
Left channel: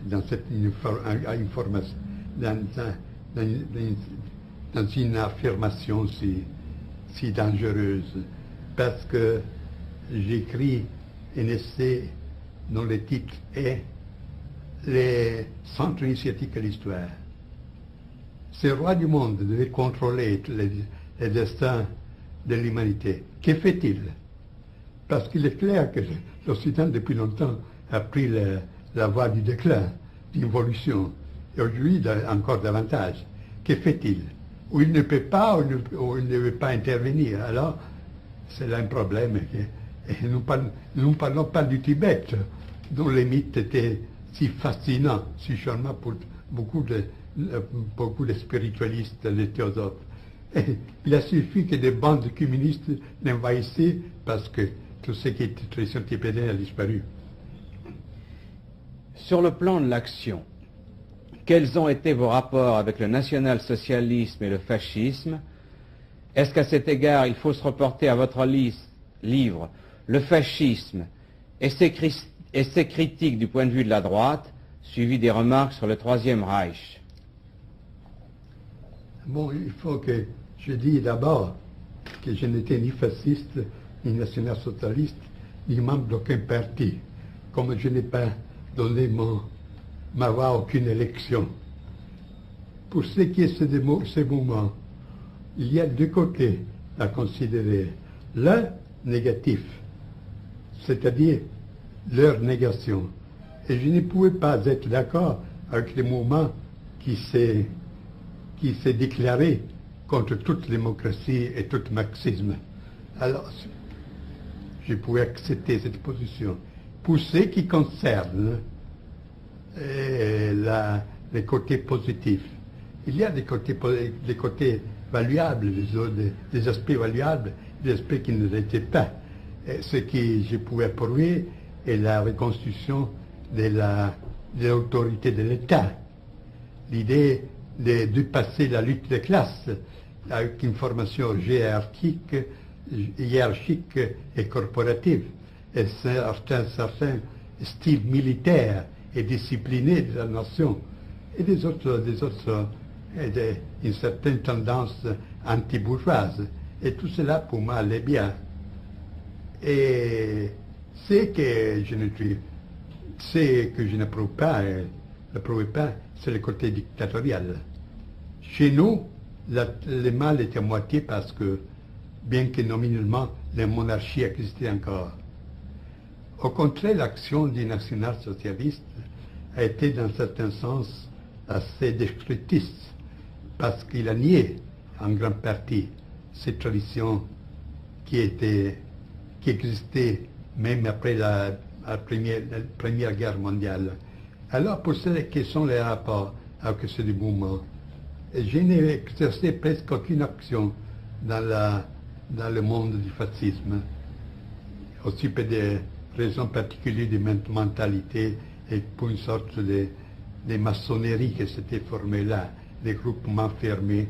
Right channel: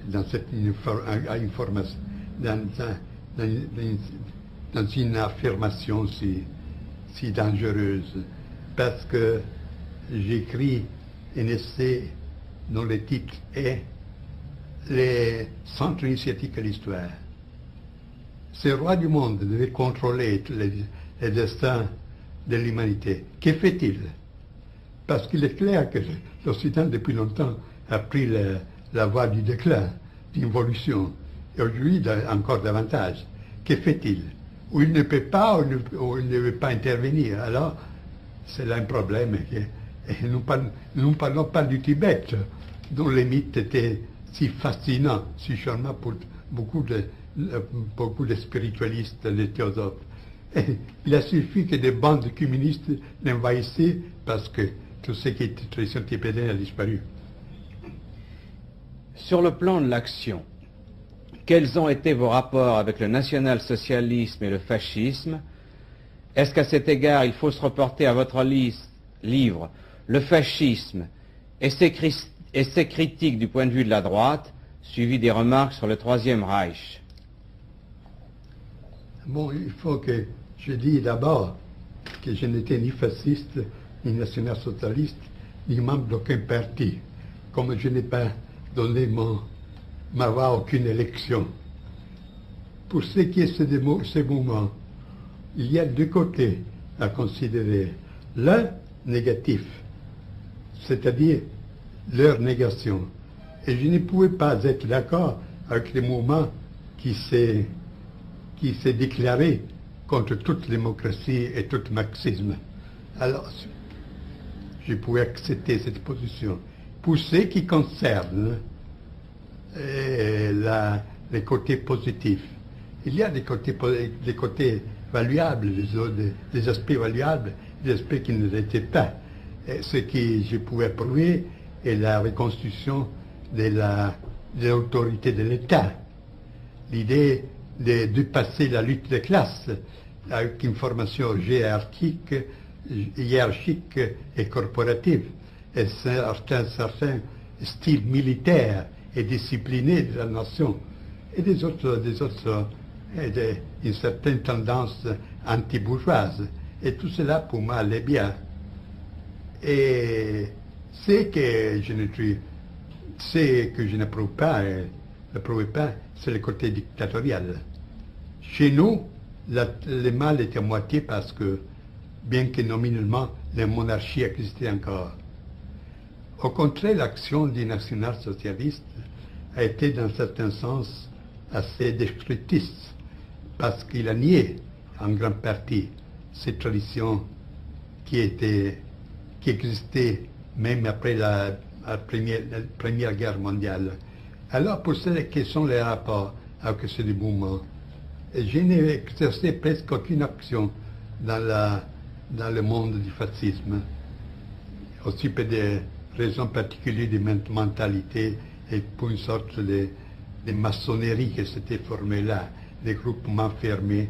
dans cette information, dans une affirmation si dangereuse, parce que j'écris un essai dont le titre est Les centres initiatiques de l'histoire. Ce roi du monde devait contrôler les destins de l'humanité. Que fait-il? Parce qu'il est clair que l'Occident, depuis longtemps, a pris la voie du déclin, d'évolution. Et aujourd'hui, encore davantage. Que fait-il? Ou il ne peut pas, ou il ne veut pas intervenir. Alors, c'est là un problème. Et nous ne parlons pas du Tibet, dont les mythes étaient si fascinants, si charmants pour beaucoup de spiritualistes, de théosophes. Et il a suffi que des bandes communistes l'envahissaient parce que tout ce qui était tradition tibétaine a disparu. Sur le plan de l'action, quels ont été vos rapports avec le national-socialisme et le fascisme? Est-ce qu'à cet égard, il faut se reporter à votre livre « Le fascisme et ses critiques du point de vue de la droite », suivi des remarques sur le Troisième Reich? Bon, il faut que je dise d'abord que je n'étais ni fasciste, ni national-socialiste, ni membre d'aucun parti, comme je n'ai pas donné ma voix à aucune élection. Pour ce qui est de ces mouvements, il y a deux côtés à considérer. L'un négatif, c'est-à-dire leur négation. Et je ne pouvais pas être d'accord avec les mouvements qui s'est déclaré contre toute démocratie et tout marxisme. Alors, je pouvais accepter cette position. Pour ce qui concerne les côtés positifs, il y a des côtés valuables, des aspects valuables, des aspects qui ne l'étaient pas. Et ce que je pouvais prouver est la reconstitution de l'autorité de l'État. L'idée de dépasser la lutte des classes avec une formation hiérarchique et corporative, et certains styles militaires et disciplinés de la nation, et une certaine tendance anti-bourgeoise. Et tout cela, pour moi, allait bien. Et ce que je n'approuve pas, c'est le côté dictatorial. Chez nous, le mal est à moitié parce que, bien que nominalement, la monarchie existait encore. Au contraire, l'action du national-socialiste a été, dans un certain sens, assez destructrice parce qu'il a nié en grande partie ces traditions qui existaient même après la Première Guerre mondiale. Alors, pour cela, quels sont les rapports avec ce mouvement? Et je n'ai exercé presque aucune action dans le monde du fascisme, aussi pour des raisons particulières de mentalité et pour une sorte de maçonnerie qui s'était formée là, des groupements fermés.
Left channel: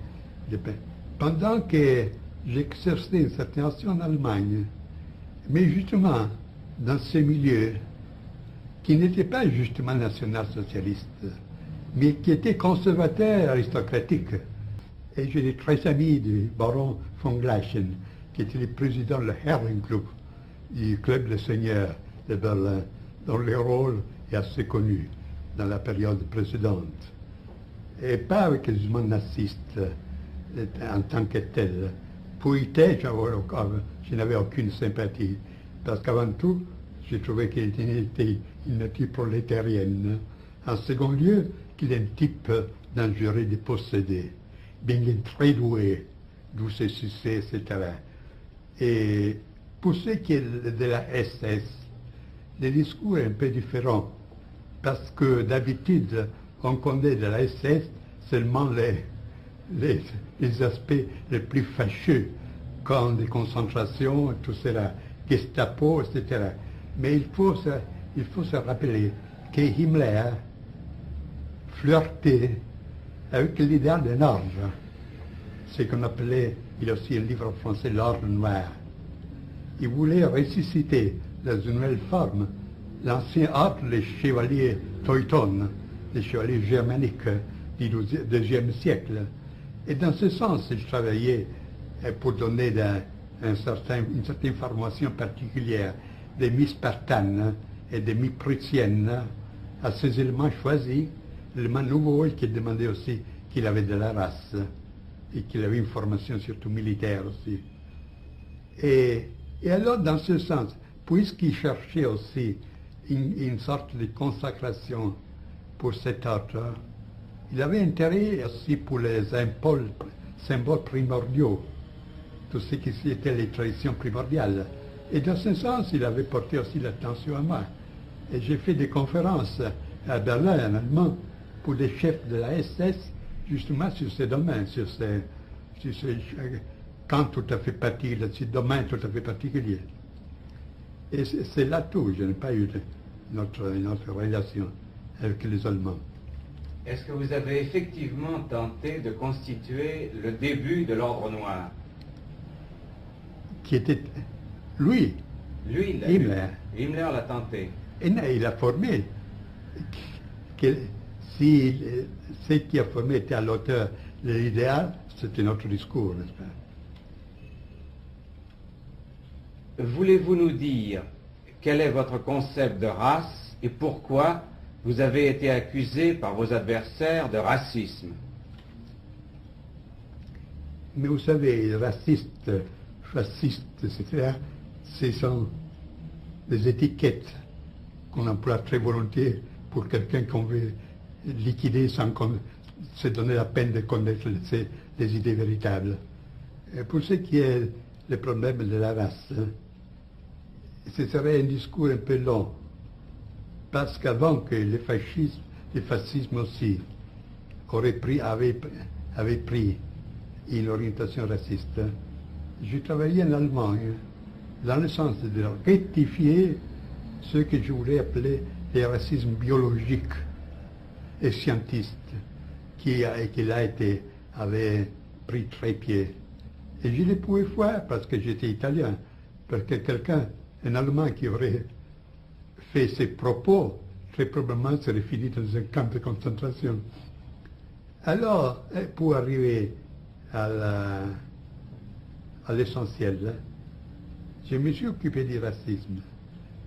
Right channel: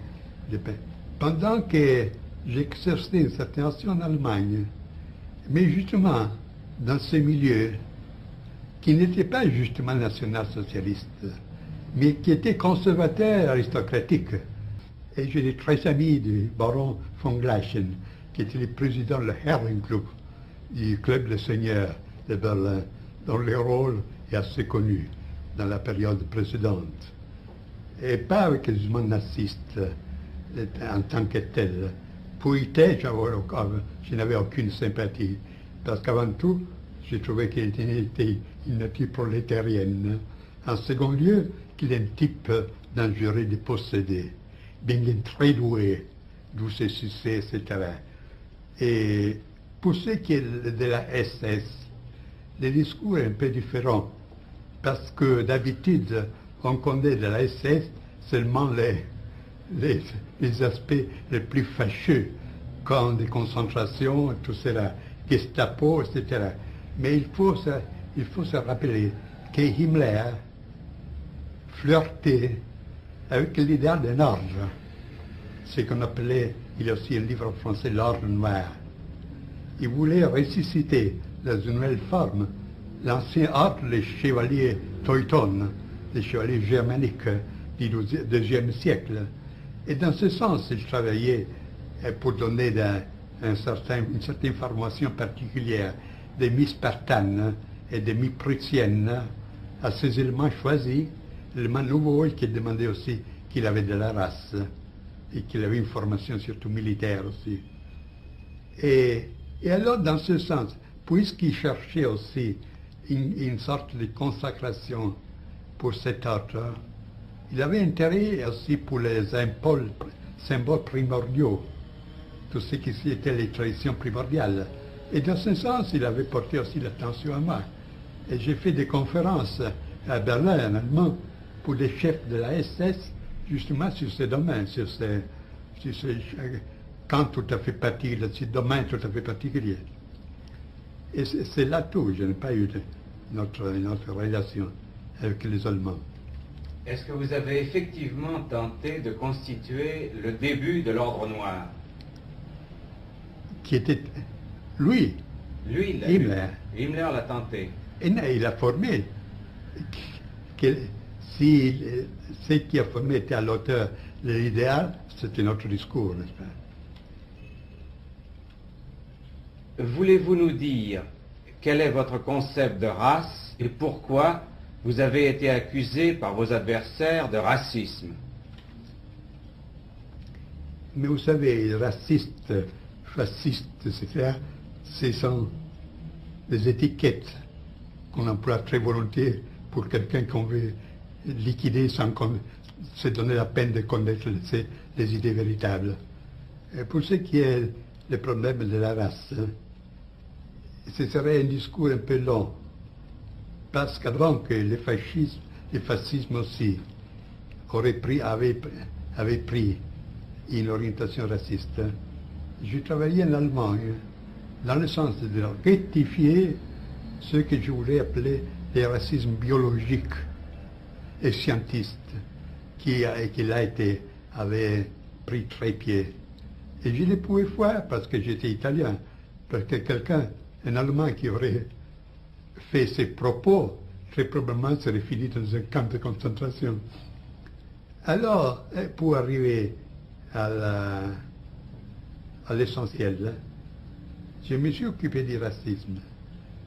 Pendant que j'exerçais une certaine action en Allemagne, mais justement dans ce milieu qui n'était pas justement national-socialiste, mais qui était conservateur aristocratique. Et j'étais très ami du baron von Gleichen, qui était le président du Herrenclub, du club des seigneurs de Berlin, dont le rôle est assez connu dans la période précédente. Et pas avec les mouvements nazistes en tant que tel. Pour IT, je n'avais aucune sympathie, parce qu'avant tout, j'ai trouvé qu'il était une nature prolétarienne. En second lieu, qu'il est un type dangereux de posséder, bien qu'il est très doué, d'où ses succès, etc. Et pour ce qui est de la SS, le discours est un peu différent, parce que d'habitude, on connaît de la SS seulement les aspects les plus fâcheux, comme des concentrations, tout cela, Gestapo, etc. Mais il faut se rappeler que Himmler flirtait avec l'idéal d'un ordre, ce qu'on appelait, il y a aussi un livre français, l'ordre noir. Il voulait ressusciter dans une nouvelle forme l'ancien ordre, les chevaliers Teutones, les chevaliers germaniques du IIe siècle. Et dans ce sens, il travaillait pour donner une certaine formation particulière des mi-spartanes et des mi-prussiennes à ces éléments choisis, l'élément nouveau et qui demandait aussi qu'il avait de la race et qu'il avait une formation surtout militaire aussi. Et alors, dans ce sens, puisqu'il cherchait aussi une sorte de consacration pour cet ordre, il avait intérêt aussi pour les symboles primordiaux, tout ce qui était les traditions primordiales. Et dans ce sens, il avait porté aussi l'attention à moi. Et j'ai fait des conférences à Berlin, en allemand, pour les chefs de la SS, justement sur ces domaines, sur ces camps tout à fait particuliers, ces domaines tout à fait particuliers. Et c'est là tout, je n'ai pas eu notre relation avec les Allemands. Est-ce que vous avez effectivement tenté de constituer le début de l'Ordre Noir? Qui était lui. Lui, Himmler. Himmler l'a tenté. Et il a formé. Si ce qui a formé était à l'auteur de l'idéal, c'était notre discours, n'est-ce pas? Voulez-vous nous dire quel est votre concept de race et pourquoi vous avez été accusé par vos adversaires de racisme? Mais vous savez, racistes, fascistes, etc., ce sont des étiquettes qu'on emploie très volontiers pour quelqu'un qu'on veut liquider sans se donner la peine de connaître les idées véritables. Et pour ce qui est le problème de la race, ce serait un discours un peu long, parce qu'avant que le fascisme aussi avait pris une orientation raciste, je travaillais en Allemagne dans le sens de rectifier ce que je voulais appeler le racisme biologique et scientiste qui avait pris très pied. Et je ne pouvais faire parce que j'étais italien, parce que quelqu'un, un Allemand qui aurait fait ses propos, très probablement serait fini dans un camp de concentration. Alors, pour arriver à l'essentiel, je me suis occupé du racisme,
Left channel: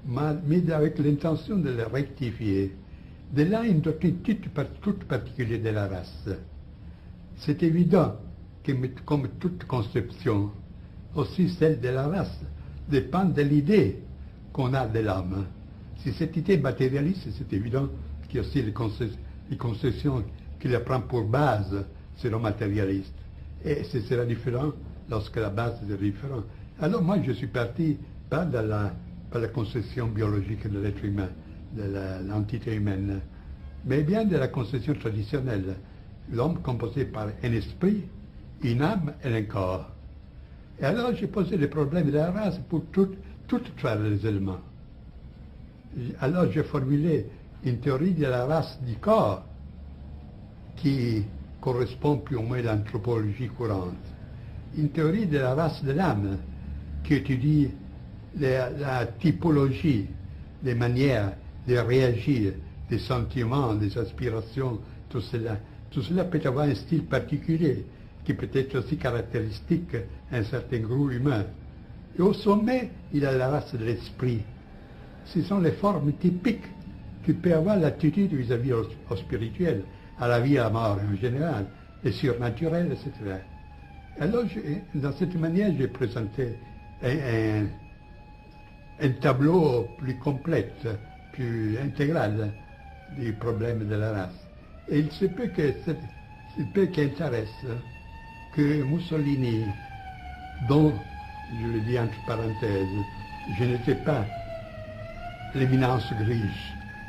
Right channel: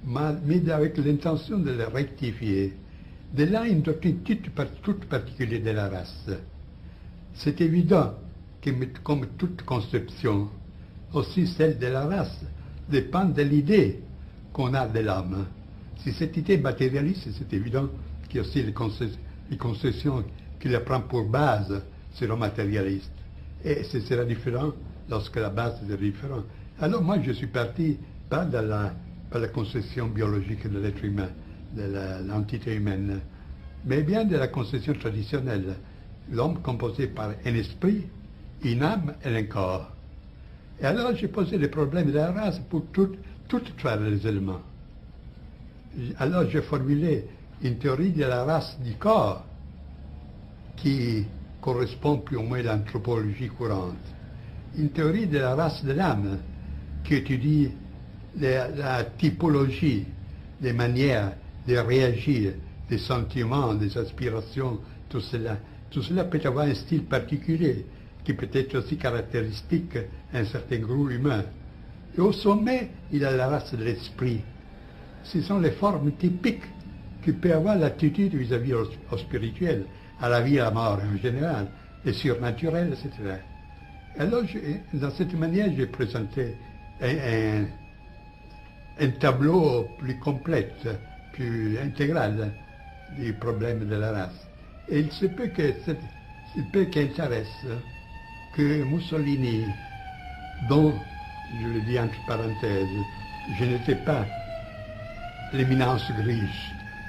mais avec l'intention de le rectifier. De là, une doctrine toute particulière de la race. C'est évident que, comme toute conception, aussi celle de la race, dépend de l'idée qu'on a de l'homme. Si cette idée est matérialiste, c'est évident qu'il y a aussi les concessions qu'il prend pour base seront matérialistes. Et ce sera différent lorsque la base est différente. Alors moi, je suis parti pas par la conception biologique de l'être humain, de l'entité humaine, mais bien de la conception traditionnelle. L'homme composé par un esprit, une âme et un corps. Et alors j'ai posé le problème de la race pour toutes les éléments. Alors j'ai formulé une théorie de la race du corps qui correspond plus ou moins à l'anthropologie courante. Une théorie de la race de l'âme qui étudie la typologie des manières de réagir, des sentiments, des aspirations, tout cela. Tout cela peut avoir un style particulier qui peut être aussi caractéristique d'un certain groupe humain. Et au sommet, il y a la race de l'esprit. Ce sont les formes typiques qui peuvent avoir l'attitude vis-à-vis au spirituel, à la vie et à la mort en général, les surnaturels, etc. Alors, dans cette manière, j'ai présenté un tableau plus complet, plus intégral du problème de la race. Et il se peut qu'intéresse que Mussolini, dont, je le dis entre parenthèses, je n'étais pas l'éminence grise,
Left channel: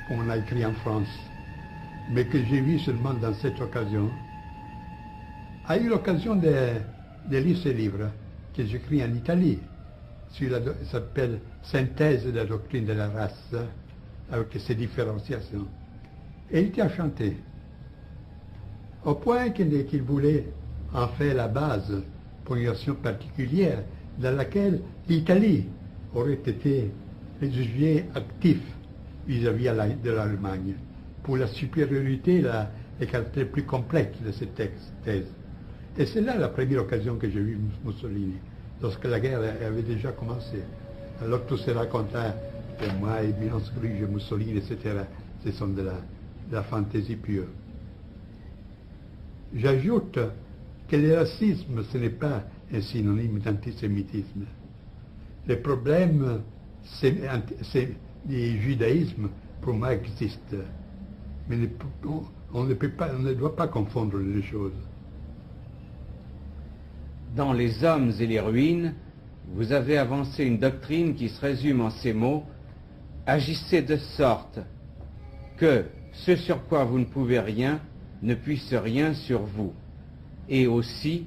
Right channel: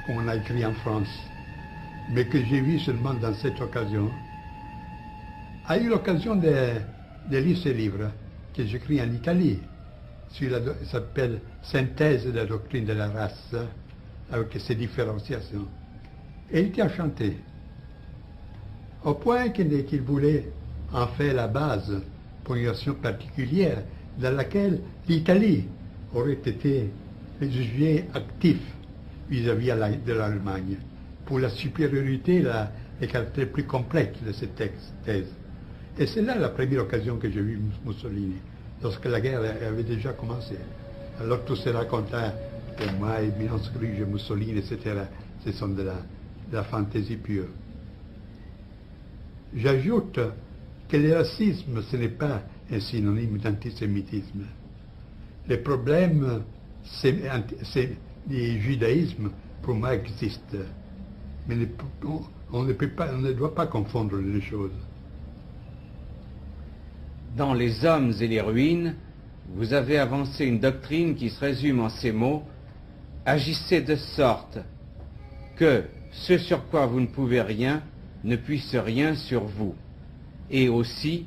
comme on a écrit en France, mais que j'ai vu seulement dans cette occasion, a eu l'occasion de lire ce livre que j'écris en Italie. Il s'appelle Synthèse de la doctrine de la race, avec ses différenciations. Et il était enchanté, au point qu'il voulait en faire la base pour une action particulière dans laquelle l'Italie aurait été le sujet actif vis-à-vis de l'Allemagne, pour la supériorité, les caractères plus complexes de cette thèse. Et c'est là la première occasion que j'ai vu Mussolini, lorsque la guerre avait déjà commencé. Alors tout se racontait, pour moi, éminence grise, Mussolini, etc., ce sont de la fantaisie pure. J'ajoute que le racisme, ce n'est pas un synonyme d'antisémitisme. Le problème du judaïsme, pour moi, existe. Mais on ne doit pas confondre les choses. Dans Les hommes et les ruines, vous avez avancé une doctrine qui se résume en ces mots: agissez de sorte que ce sur quoi vous ne pouvez rien ne puisse rien sur vous, et aussi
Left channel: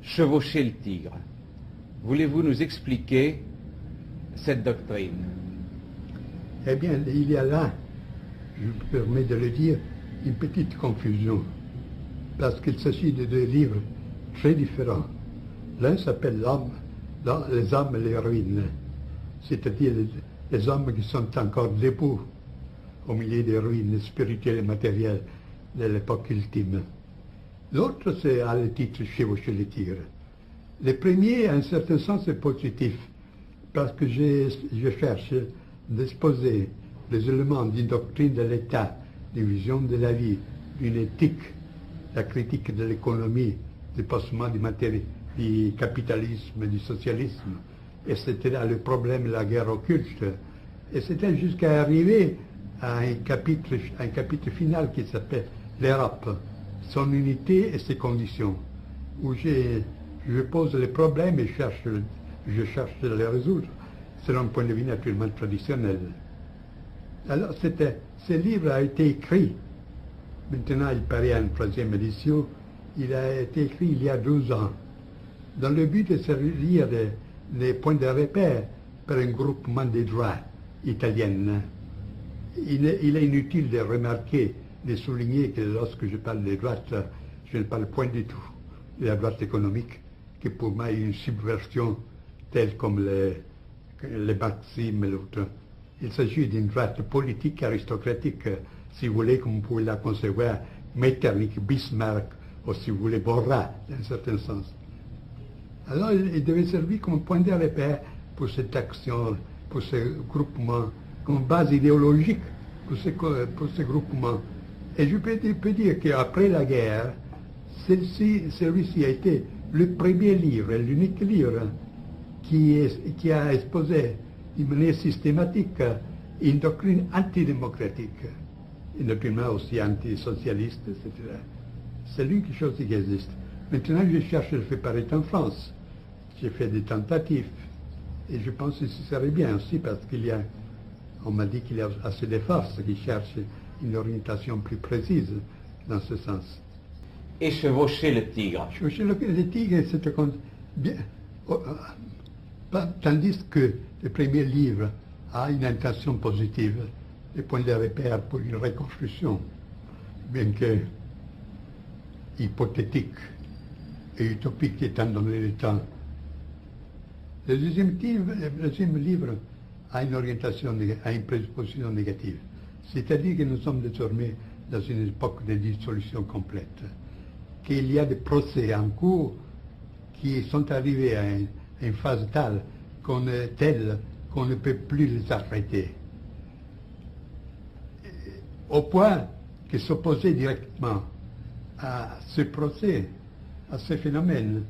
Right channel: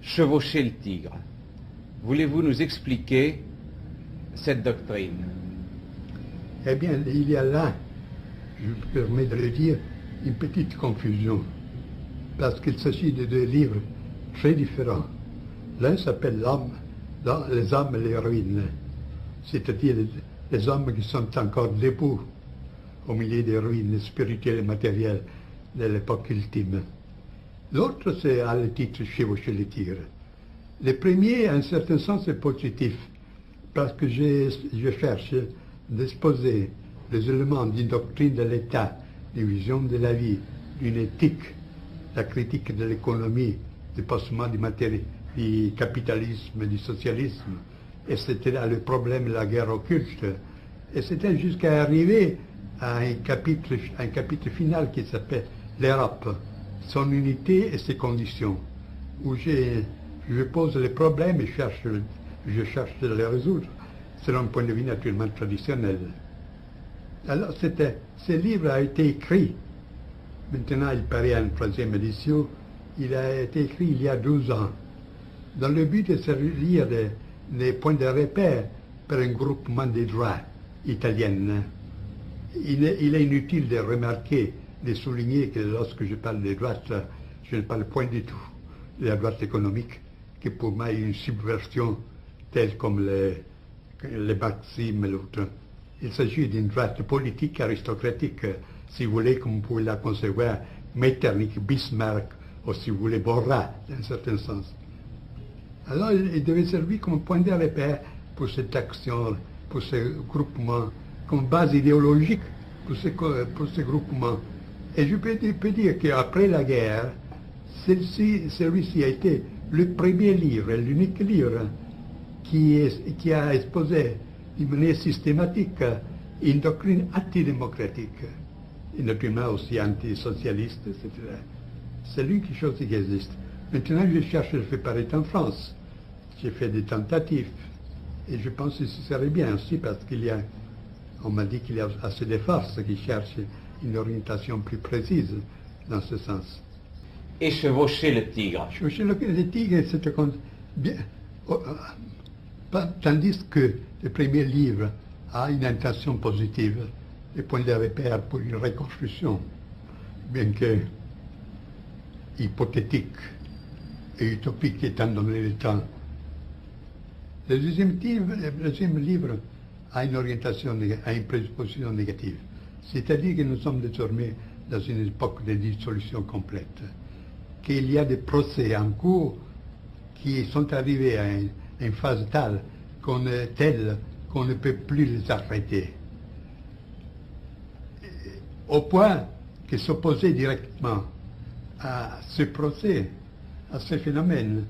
chevaucher le tigre. Voulez-vous nous expliquer cette doctrine? Eh bien, il y a là, je me permets de le dire, une petite confusion, parce qu'il s'agit de deux livres très différents. L'un s'appelle Les hommes et les ruines, c'est-à-dire les hommes qui sont encore debout au milieu des ruines spirituelles et matérielles de l'époque ultime. L'autre, c'est à le titre Chevaucher les tigres. Le premier, en un certain sens, est positif, parce que je cherche d'exposer les éléments d'une doctrine de l'État, d'une vision de la vie, d'une éthique, la critique de l'économie, du passement du capitalisme, du socialisme. Et c'était là le problème de la guerre occulte. Et c'était jusqu'à arriver à un chapitre final qui s'appelle l'Europe, son unité et ses conditions, où je pose les problèmes et je cherche de les résoudre selon un point de vue naturellement traditionnel. Alors ce livre a été écrit, maintenant il paraît en 3e édition, il a été écrit il y a 12 ans, dans le but de servir des points de repère par un groupement des droits italiens. Il est inutile de remarquer, de souligner que lorsque je parle des droites, je ne parle point du tout de la droite économique, qui pour moi est une subversion telle comme les marxisme et l'autre. Il s'agit d'une droite politique, aristocratique, si vous voulez, comme vous pouvez la concevoir, Metternich, Bismarck, ou si vous voulez, Borra, dans un certain sens. Alors il devait servir comme point de repère pour cette action, pour ce groupement, comme base idéologique pour ce groupement. Et je peux dire qu'après la guerre, celui-ci a été le premier livre, l'unique livre qui a exposé d'une manière systématique une doctrine antidémocratique, une doctrine aussi antisocialiste, etc. C'est l'une des choses qui existe. Maintenant, je cherche de le faire paraître en France. J'ai fait des tentatives. Et je pense que ce serait bien aussi parce on m'a dit qu'il y a assez de forces qui cherchent une orientation plus précise dans ce sens. Et chevaucher le tigre. Chevaucher le tigre, c'est bien. Tandis que le premier livre a une intention positive, le point de repère pour une reconstruction, bien que hypothétique et utopique étant donné le temps. Le deuxième livre a une orientation, a une prédisposition négative. C'est-à-dire que nous sommes désormais dans une époque de dissolution complète, qu'il y a des procès en cours qui sont arrivés à une phase telle qu'on ne peut plus les arrêter. Au point que s'opposer directement à ce procès, à ce phénomène,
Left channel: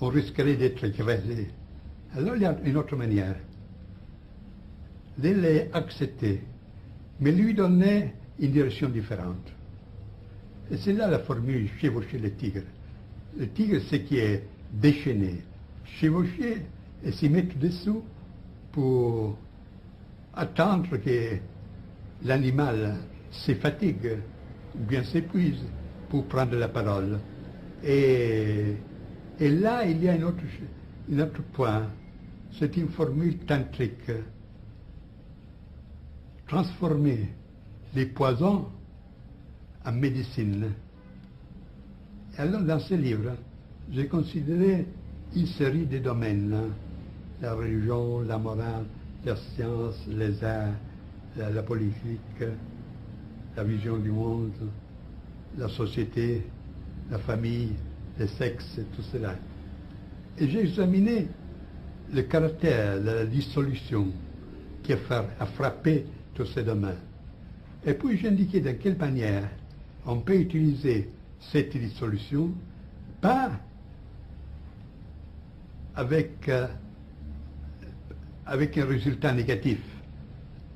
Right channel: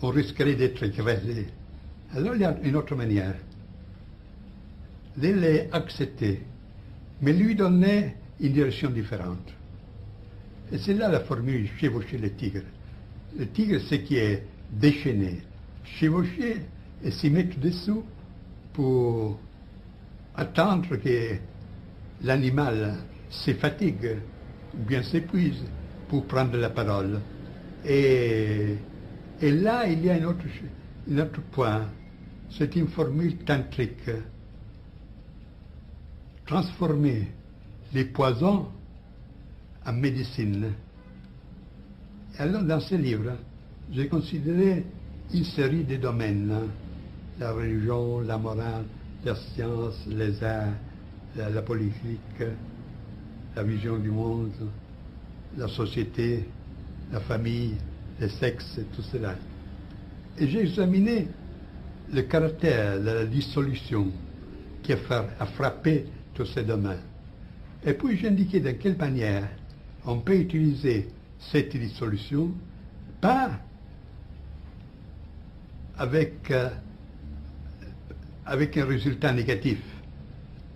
on risquerait d'être écrasé. Alors il y a une autre manière de les accepter, mais lui donner une direction différente. Et c'est là la formule chevaucher le tigre. Le tigre, c'est qui est déchaîné, chevaucher et s'y mettre dessous pour attendre que l'animal se fatigue ou bien s'épuise pour prendre la parole. Et là, il y a un autre point. C'est une formule tantrique. Transformer les poisons en médecine. Et alors, dans ce livre, j'ai considéré une série de domaines. La religion, la morale, la science, les arts, la politique, la vision du monde, la société, la famille, le sexe, tout cela. Et j'ai examiné le caractère de la dissolution qui a frappé tous ces domaines. Et puis j'ai indiqué de quelle manière on peut utiliser cette dissolution, pas avec un résultat négatif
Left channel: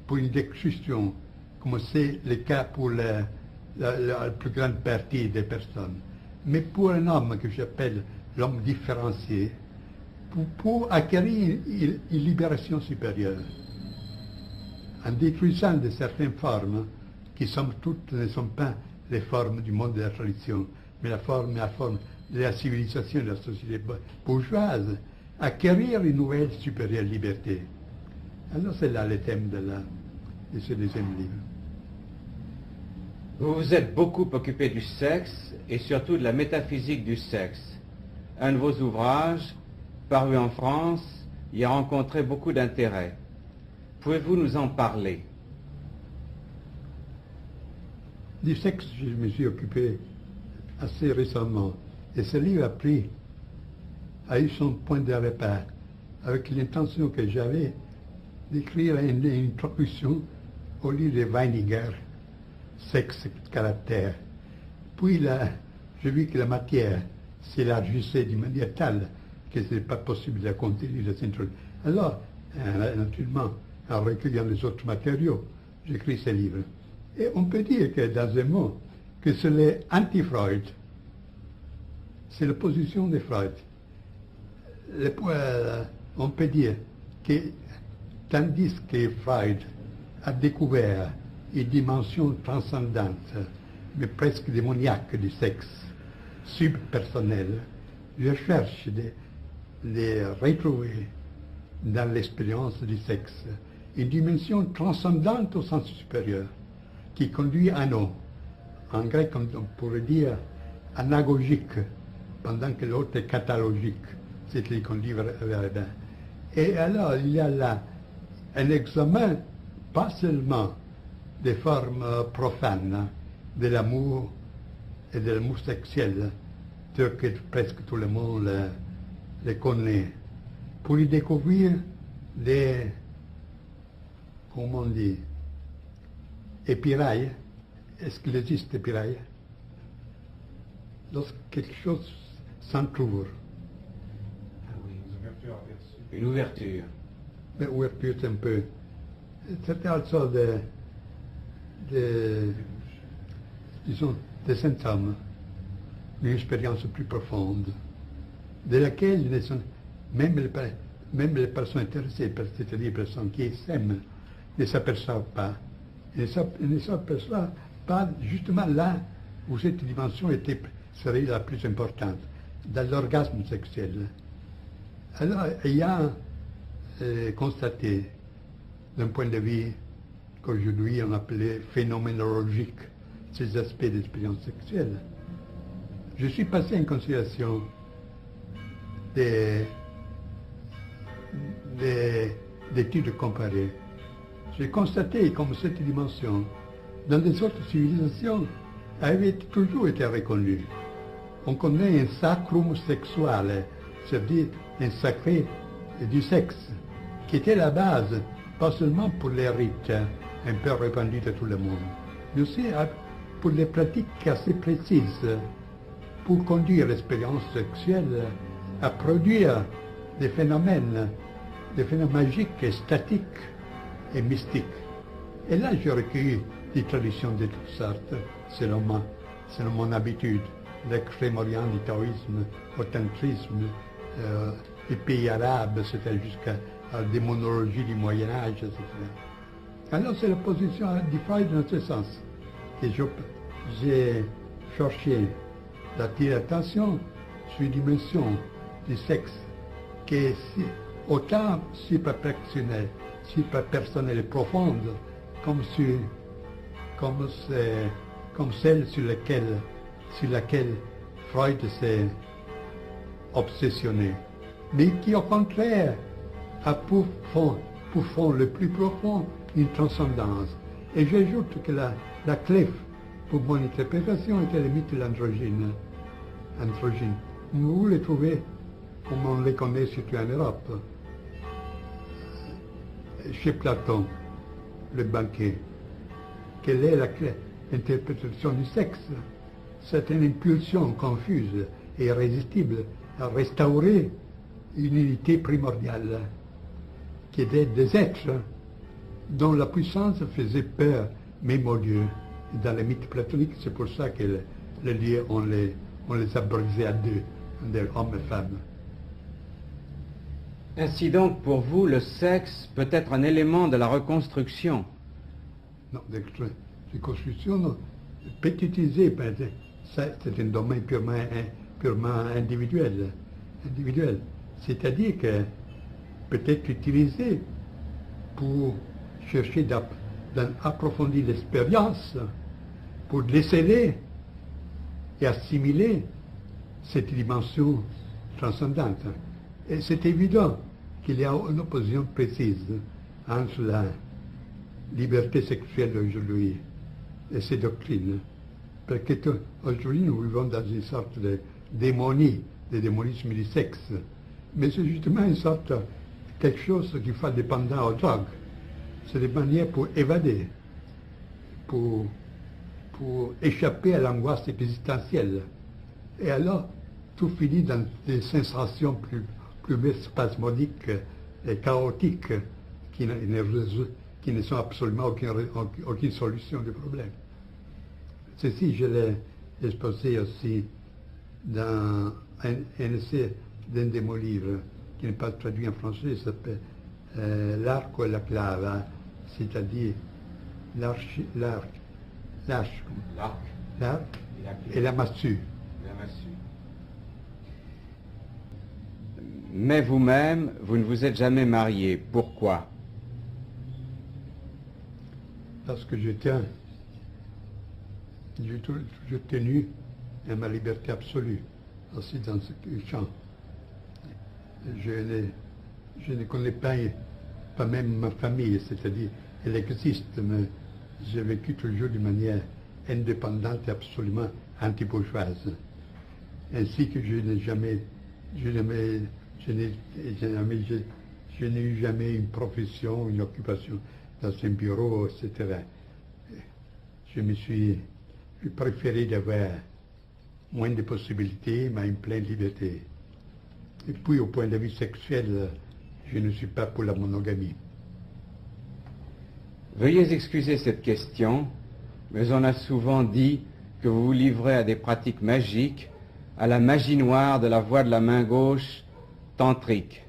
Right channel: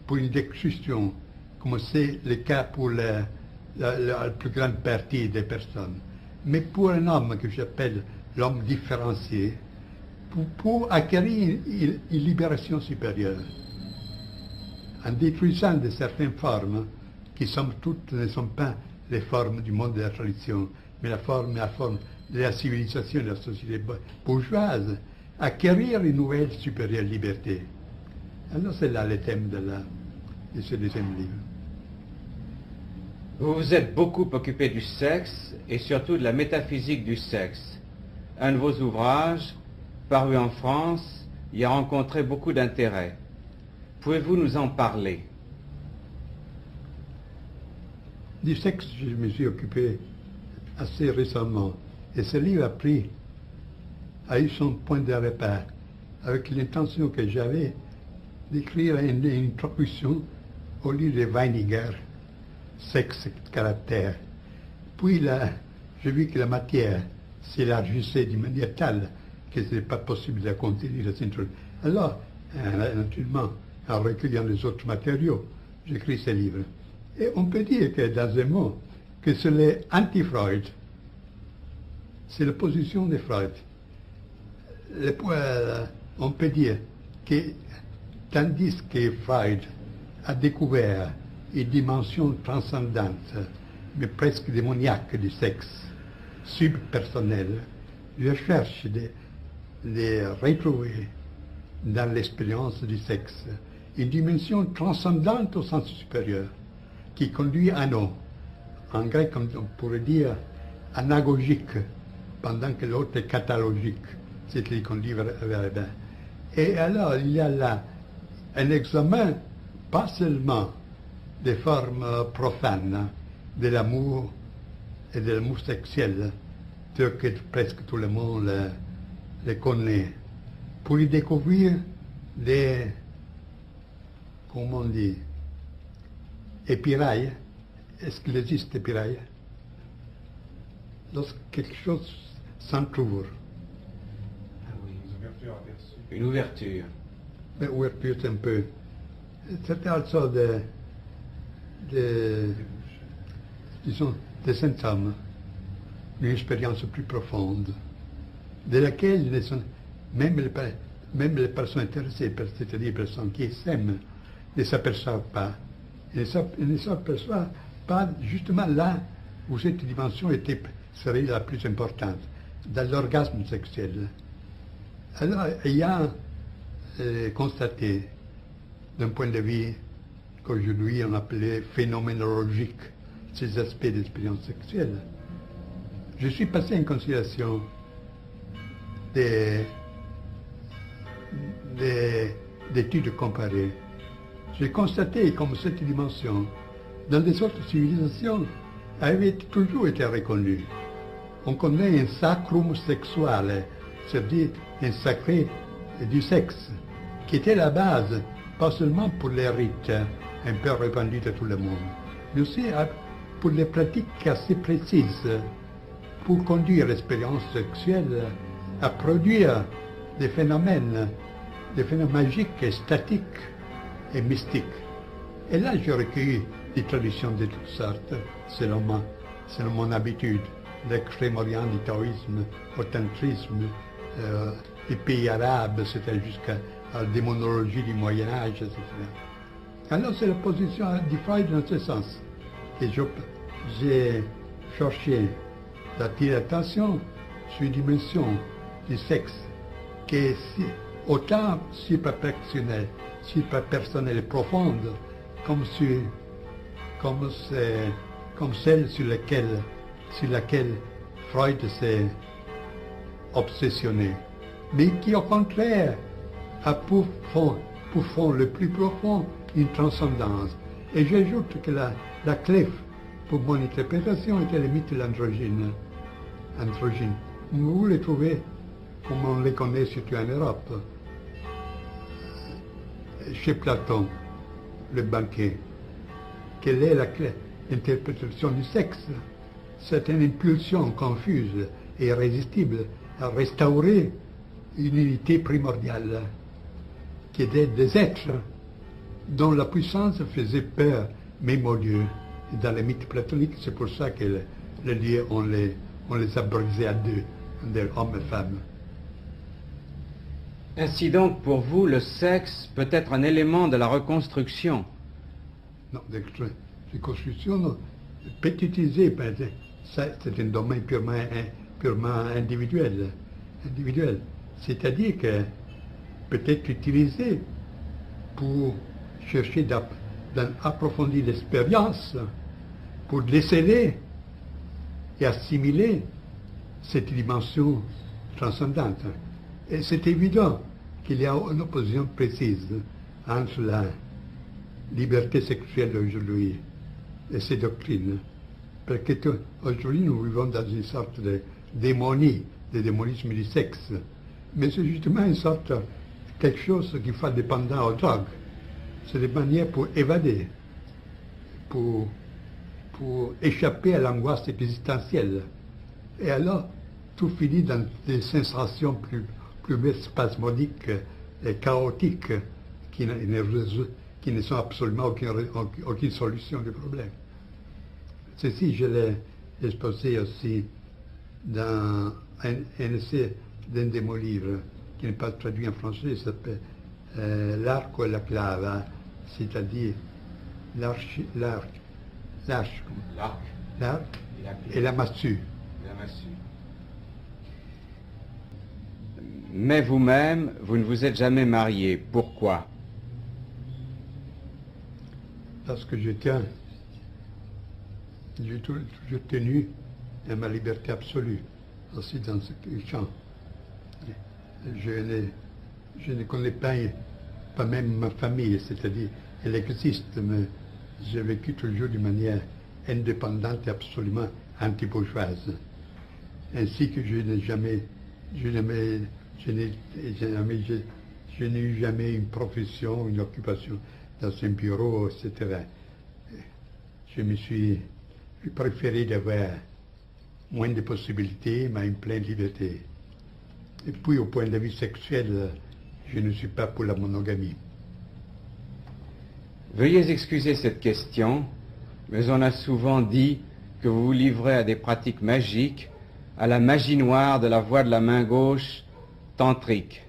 pour une destruction, comme c'est le cas pour la plus grande partie des personnes, mais pour un homme que j'appelle l'homme différencié, pour acquérir une libération supérieure, en détruisant de certaines formes qui, somme toute, ne sont pas les formes du monde de la tradition, mais la forme de la civilisation de la société bourgeoise, acquérir une nouvelle supérieure liberté. Alors c'est là le thème de ce deuxième livre. Vous vous êtes beaucoup occupé du sexe et surtout de la métaphysique du sexe. Un de vos ouvrages, paru en France, y a rencontré beaucoup d'intérêt. Pouvez-vous nous en parler? Du sexe, je me suis occupé assez récemment. Et ce livre a eu son point de repère, avec l'intention que j'avais d'écrire une introduction au livre de Weininger, Sexe, caractère. Puis là, j'ai vu que la matière s'élargissait d'une manière telle que ce n'est pas possible de contenir cette introduction. Alors, naturellement, en recueillant les autres matériaux, j'écris ce livre. Et on peut dire que, dans un mot, que c'est l'anti-Freud. C'est la position de Freud. On peut dire que, tandis que Freud a découvert une dimension transcendante, mais presque démoniaque du sexe, subpersonnel, je cherche de retrouver dans l'expérience du sexe une dimension transcendante au sens supérieur, qui conduit à non. En grec, on pourrait dire anagogique, pendant que l'autre est catalogique, c'est qui conduit vers le bien. Et alors, il y a là un examen, pas seulement des formes profanes de l'amour et de l'amour sexuel, tel que presque tout le monde le connaît, pour y découvrir des, comment on dit, épirailles. Est-ce qu'il existe épirailles? Lorsque quelque chose s'entrouvre. Ah oui, une ouverture. Mais ouverture, c'est un peu. C'est une sorte disons, de sainte femme. une expérience plus profonde, de laquelle même les personnes intéressées, c'est-à-dire les personnes qui s'aiment, ne s'aperçoivent pas. Ils ne s'aperçoivent pas justement là où cette dimension serait la plus importante, dans l'orgasme sexuel. Alors, ayant constaté, d'un point de vue qu'aujourd'hui on appelait phénoménologique, ces aspects d'expérience sexuelle, je suis passé en considération d'études comparées. J'ai constaté comme cette dimension, dans les autres civilisations, avait toujours été reconnue. On connaît un sacrum sexual, c'est-à-dire un sacré du sexe, qui était la base, pas seulement pour les rites un peu répandus de tout le monde, mais aussi pour les pratiques assez précises, pour conduire l'expérience sexuelle à produire des phénomènes magiques, et statiques et mystiques. Et là, j'ai recueilli des traditions de toutes sortes, selon mon habitude. L'extrême-orient du taoïsme, au tantrisme, les pays arabes, c'était jusqu'à la démonologie du Moyen-Âge, etc. Alors, c'est la position du Freud dans ce sens. Et j'ai cherché la dilatation sur une dimension du sexe qui est autant superpersonnelle et profonde comme celle sur laquelle Freud s'est obsessionné, mais qui au contraire a pour fond le plus profond une transcendance. Et j'ajoute que la clé pour mon interprétation était le mythe de l'androgyne. Vous les trouvez comme on les connaît surtout en Europe. Chez Platon, le banquet, quelle est l'interprétation du sexe? C'est une impulsion confuse et irrésistible à restaurer une unité primordiale, qui était des êtres dont la puissance faisait peur même aux dieux. Et dans les mythes platoniques, c'est pour ça que les dieux, on les a brisés à deux, hommes et femmes. Ainsi donc, pour vous, le sexe peut être un élément de la reconstruction. Non, de reconstruction, non. Pétitisé, c'est un domaine purement individuel. C'est-à-dire que peut-être utilisé pour chercher d'approfondir l'expérience, pour déceler et assimiler cette dimension transcendante. Et c'est évident qu'il y a une opposition précise entre la liberté sexuelle d'aujourd'hui et ces doctrines. Parce qu'aujourd'hui, nous vivons dans une sorte de démonie, de démonisme du sexe. Mais c'est justement une sorte, quelque chose qui fait dépendant aux drogues. C'est des manières pour évader, pour échapper à l'angoisse existentielle. Et alors, tout finit dans des sensations plus spasmodiques et chaotiques qui ne sont absolument aucune solution du problème. Ceci, je l'ai exposé aussi dans un essai d'un de mes livres, qui n'est pas traduit en français, il s'appelle L'arco et la clave, c'est-à-dire l'arc et la massue. Mais vous-même, vous ne vous êtes jamais marié. Pourquoi? Parce que j'ai toujours tenu à ma liberté absolue, aussi dans ce champ. Je ne connais pas même ma famille, c'est-à-dire, elle existe, mais j'ai vécu toujours de manière indépendante et absolument anti-bourgeoise. Ainsi que je n'ai eu jamais une profession, une occupation dans un bureau, etc. J'ai préféré d'avoir moins de possibilités, mais une pleine liberté. Et puis, au point de vue sexuel, je ne suis pas pour la monogamie. Veuillez excuser cette question, mais on a souvent dit que vous vous livrez à des pratiques magiques à la magie noire de la voix de la main gauche tantrique.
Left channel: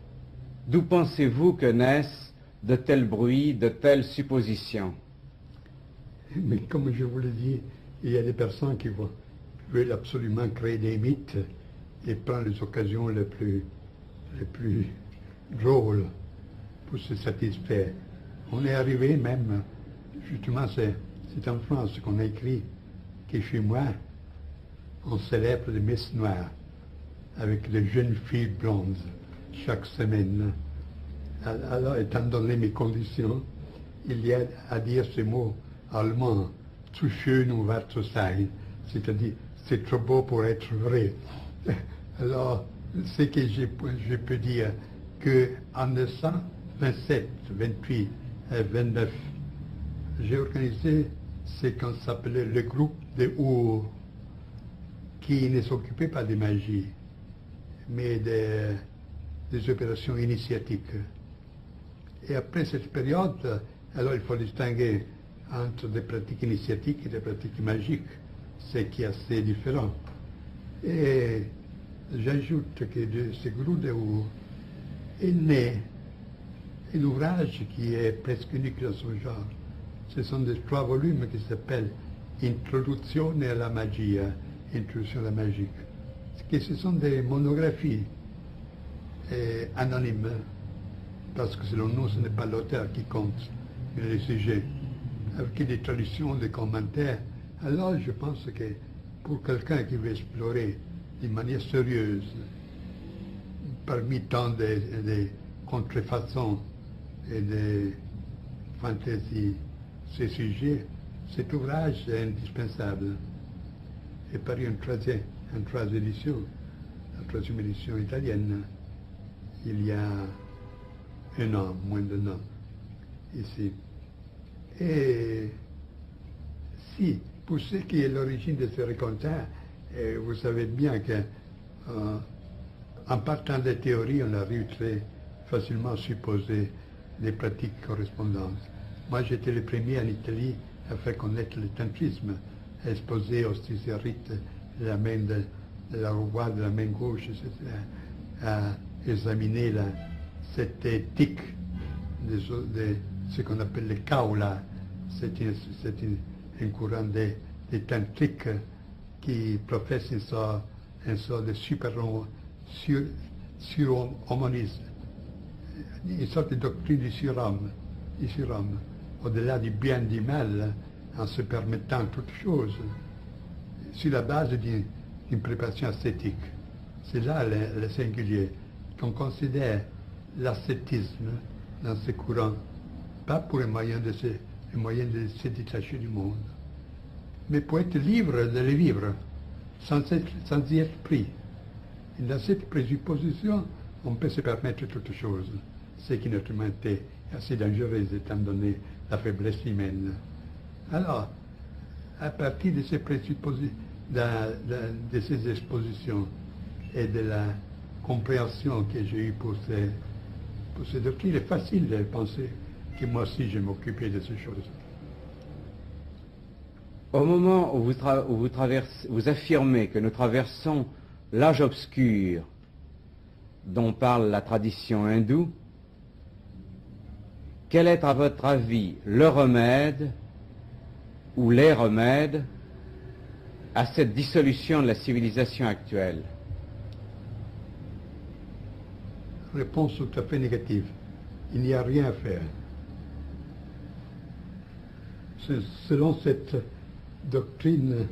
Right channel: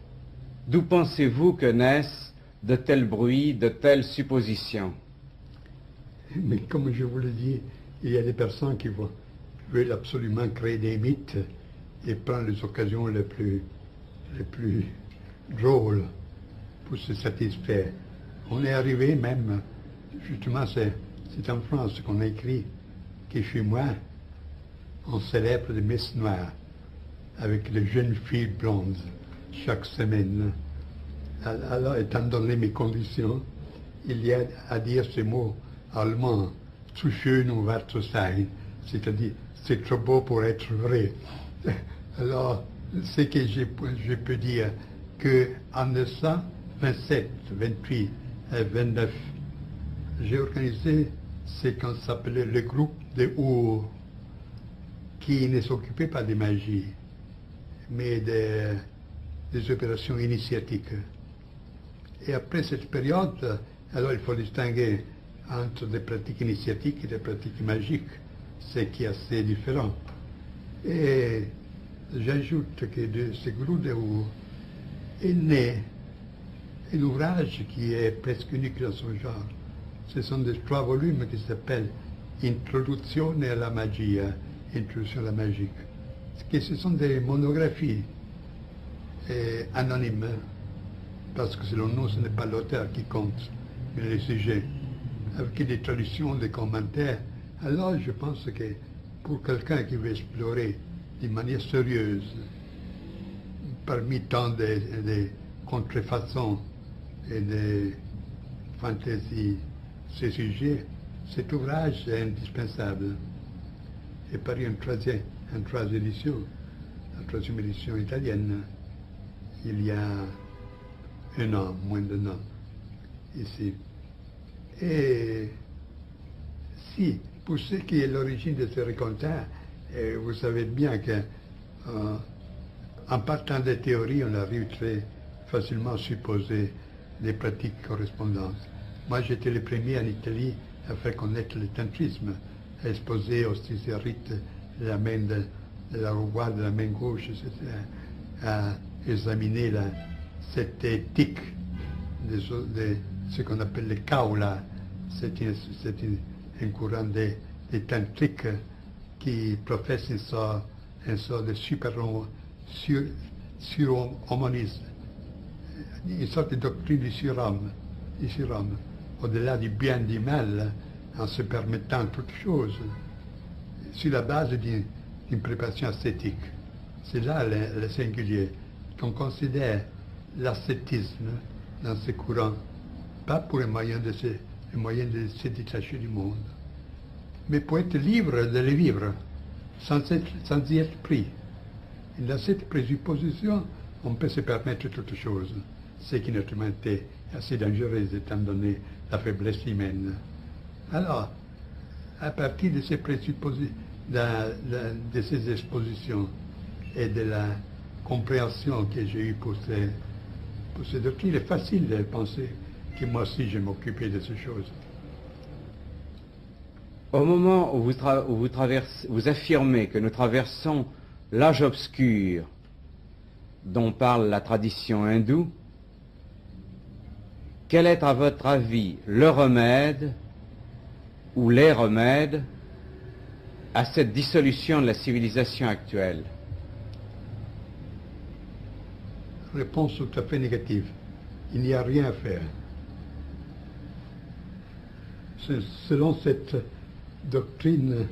D'où pensez-vous que naissent de tels bruits, de telles suppositions? Mais comme je vous l'ai dit, il y a des personnes qui veulent absolument créer des mythes et prendre les occasions les plus drôles pour se satisfaire. On est arrivé même, justement, c'est en France qu'on a écrit que chez moi, on célèbre les messes noires avec les jeunes filles blondes chaque semaine. Alors, étant donné mes conditions, il y a à dire ce mot allemand, zu schön um wahr zu sein, c'est-à-dire c'est trop beau pour être vrai. Alors, ce que je peux dire qu'en 1927, 28 et 29, j'ai organisé ce qu'on s'appelait le groupe des Our, qui ne s'occupait pas de magie, mais des opérations initiatiques. Et après cette période, alors il faut distinguer entre des pratiques initiatiques et des pratiques magiques, ce qui est assez différent. Et j'ajoute que de ce groupe de Our est né un ouvrage qui est presque unique dans son genre. Ce sont des 3 volumes qui s'appellent Introduzione alla magia, Introduction à la magie. Ce sont des monographies anonymes, parce que selon nous, ce n'est pas l'auteur qui compte, mais le sujet, avec des traductions, des commentaires. Alors je pense que pour quelqu'un qui veut explorer de manière sérieuse, parmi tant de contrefaçons et de fantaisies, ces sujets, cet ouvrage est indispensable. Et paru en troisième édition italienne, il y a un an, moins d'un an, ici. Et si, pour ce qui est l'origine de ce récoltat, vous savez bien qu'en partant des théories, on arrive très facilement à supposer des pratiques correspondantes. Moi, j'étais le premier en Italie à faire connaître le tantrisme, à exposer aussi ces rites de la main de la roi, de la main gauche, etc., à examiner cette éthique de ce qu'on appelle le kaula. C'est un courant des tantriques qui professe une sorte de surhumanisme, une sorte de doctrine du surhomme, au-delà du bien et du mal, en se permettant toutes choses, sur la base d'une préparation ascétique. C'est là le singulier, qu'on considère l'ascétisme dans ce courant, pas pour un moyen de se détacher du monde, mais pour être libre de le vivre, sans y être pris. Et dans cette présupposition, on peut se permettre toutes choses, ce qui naturellement est assez dangereux étant donné la faiblesse humaine. Alors, à partir de ces présuppositions, de ces expositions et de la compréhension que j'ai eue pour ces doctrines, il est facile de penser que moi aussi je m'occupais de ces choses. Au moment où vous affirmez que nous traversons l'âge obscur dont parle la tradition hindoue, quel est à votre avis le remède ou les remèdes à cette dissolution de la civilisation actuelle? Réponse tout à fait négative. Il n'y a rien à faire. Selon cette doctrine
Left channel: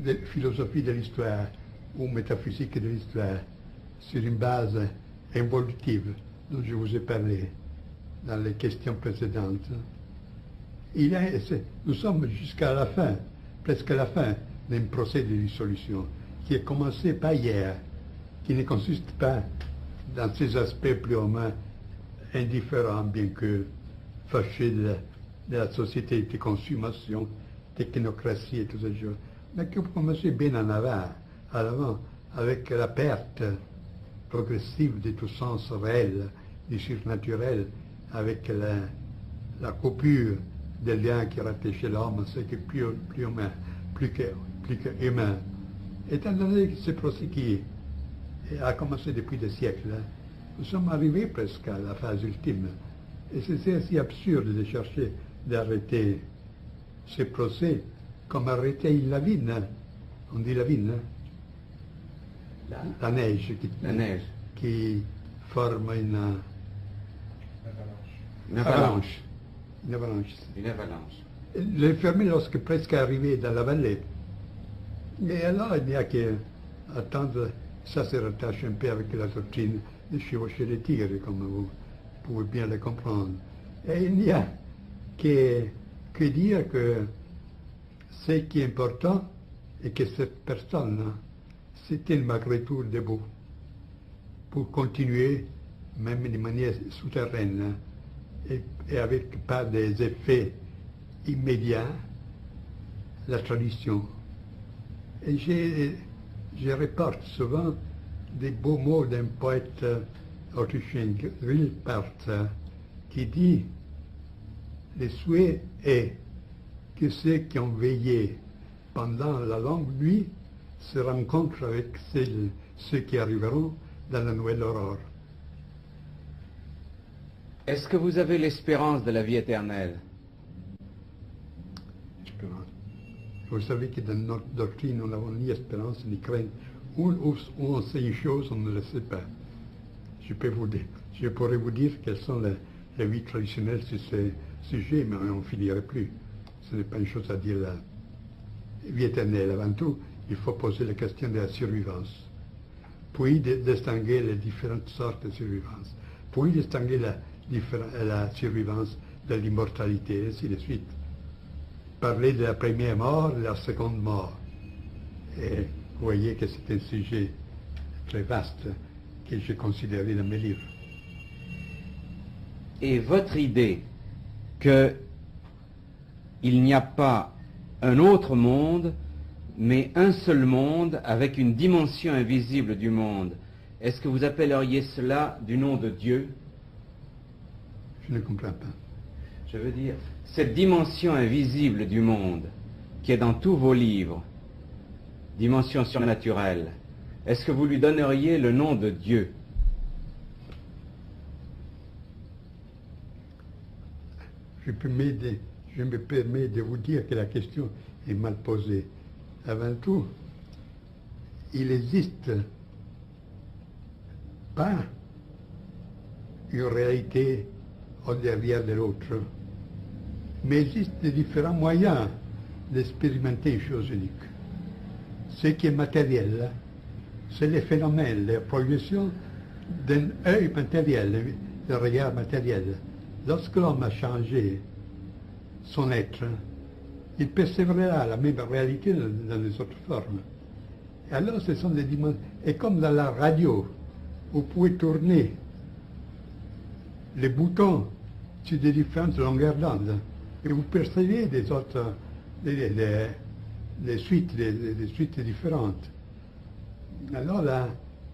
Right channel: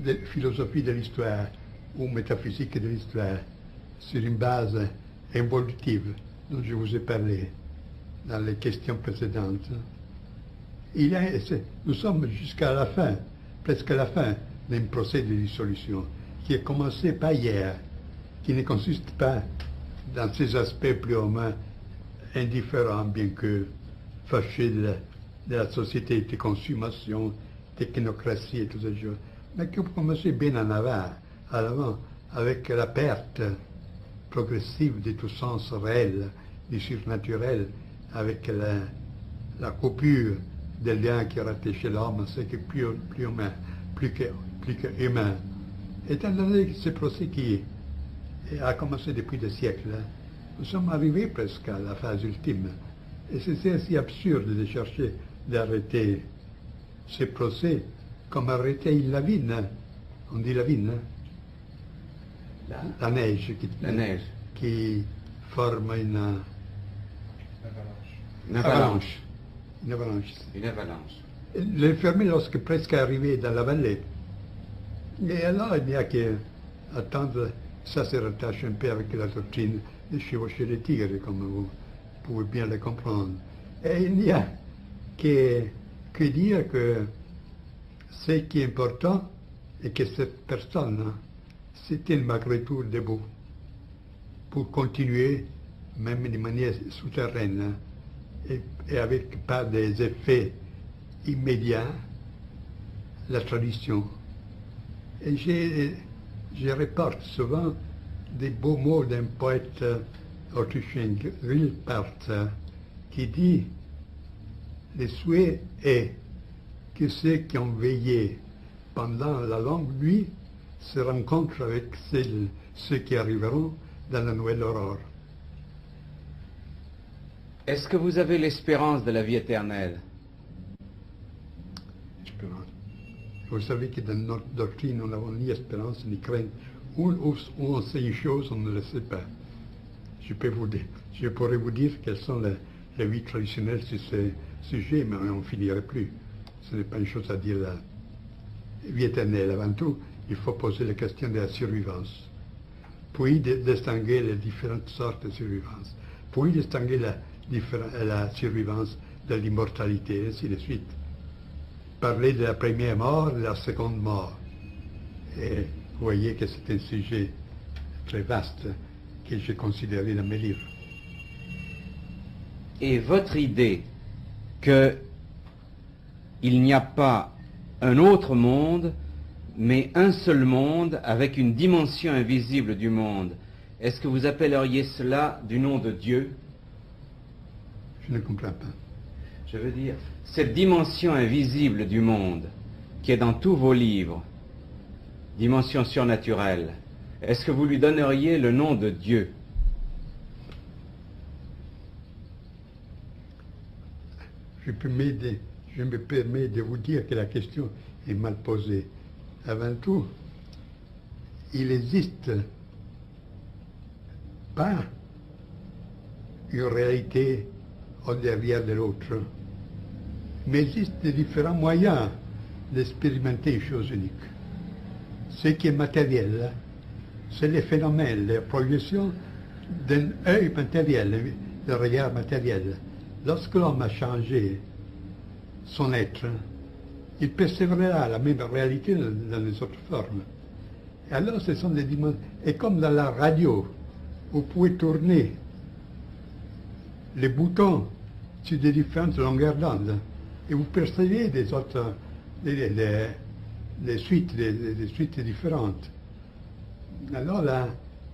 de philosophie de l'histoire ou métaphysique de l'histoire, sur une base involutive dont je vous ai parlé dans les questions précédentes, nous sommes jusqu'à la fin, presque à la fin d'un procès de dissolution qui a commencé pas hier, qui ne consiste pas dans ses aspects plus ou moins indifférents, bien que fâchés de la société de consommation, technocratie et tout ça, mais qui ont commencé bien en avant, avec la perte progressive de tout sens réel, du surnaturel, avec la coupure des liens qui rattachaient l'homme à ce qui est plus humain, Étant donné que ce procès qui a commencé depuis des siècles, nous sommes arrivés presque à la phase ultime. Et c'est assez absurde de chercher d'arrêter ce procès comme arrêter une lavine. On dit lavine, la neige, qui forme une avalanche. Une avalanche. Une avalanche. Les fermiers, lorsque presque arrivé dans la vallée, et alors il n'y a qu'à attendre, ça se rattache un peu avec la doctrine de chevaucher les tigres, comme vous pouvez bien le comprendre. Et il n'y a que dire que ce qui est important est que cette personne c'était malgré tout debout pour continuer, même de manière souterraine, et avec pas des effets immédiats, la tradition. Et je reporte souvent des beaux mots d'un poète autrichien, Wilpart, qui dit « Le souhait est que ceux qui ont veillé pendant la longue nuit se rencontrent avec ceux qui arriveront dans la nouvelle aurore. » Est-ce que vous avez l'espérance de la vie éternelle? Espérance. Vous savez que dans notre doctrine, nous n'avons ni espérance ni crainte. Où on sait une chose, on ne le sait pas. Je pourrais vous dire quelles sont les vies traditionnelles sur ce sujet, mais on n'en finirait plus. Ce n'est pas une chose à dire là. Vie éternelle, avant tout, il faut poser la question de la survivance. Puis distinguer les différentes sortes de survivance. Puis distinguer la survivance de l'immortalité, et ainsi de suite. Parler de la première mort, de la seconde mort. Et vous voyez que c'est un sujet très vaste que j'ai considéré dans mes livres. Et votre idée qu'il n'y a pas un autre monde, mais un seul monde avec une dimension invisible du monde, est-ce que vous appelleriez cela du nom de Dieu? Je ne comprends pas. Je veux dire, cette dimension invisible du monde, qui est dans tous vos livres, dimension surnaturelle, est-ce que vous lui donneriez le nom de Dieu? Je me permets de vous dire que la question est mal posée. Avant tout, il n'existe pas une réalité au derrière de l'autre, mais il existe de différents moyens d'expérimenter une chose unique. Ce qui est matériel, c'est les phénomènes, les projections d'un œil matériel, d'un regard matériel. Lorsque l'homme a changé son être, il persévérera la même réalité dans les autres formes. Et alors, ce sont des dimensions. Et comme dans la radio, vous pouvez tourner les boutons sur des différentes longueurs d'onde, et vous percevez des autres, des suites différentes. Alors là,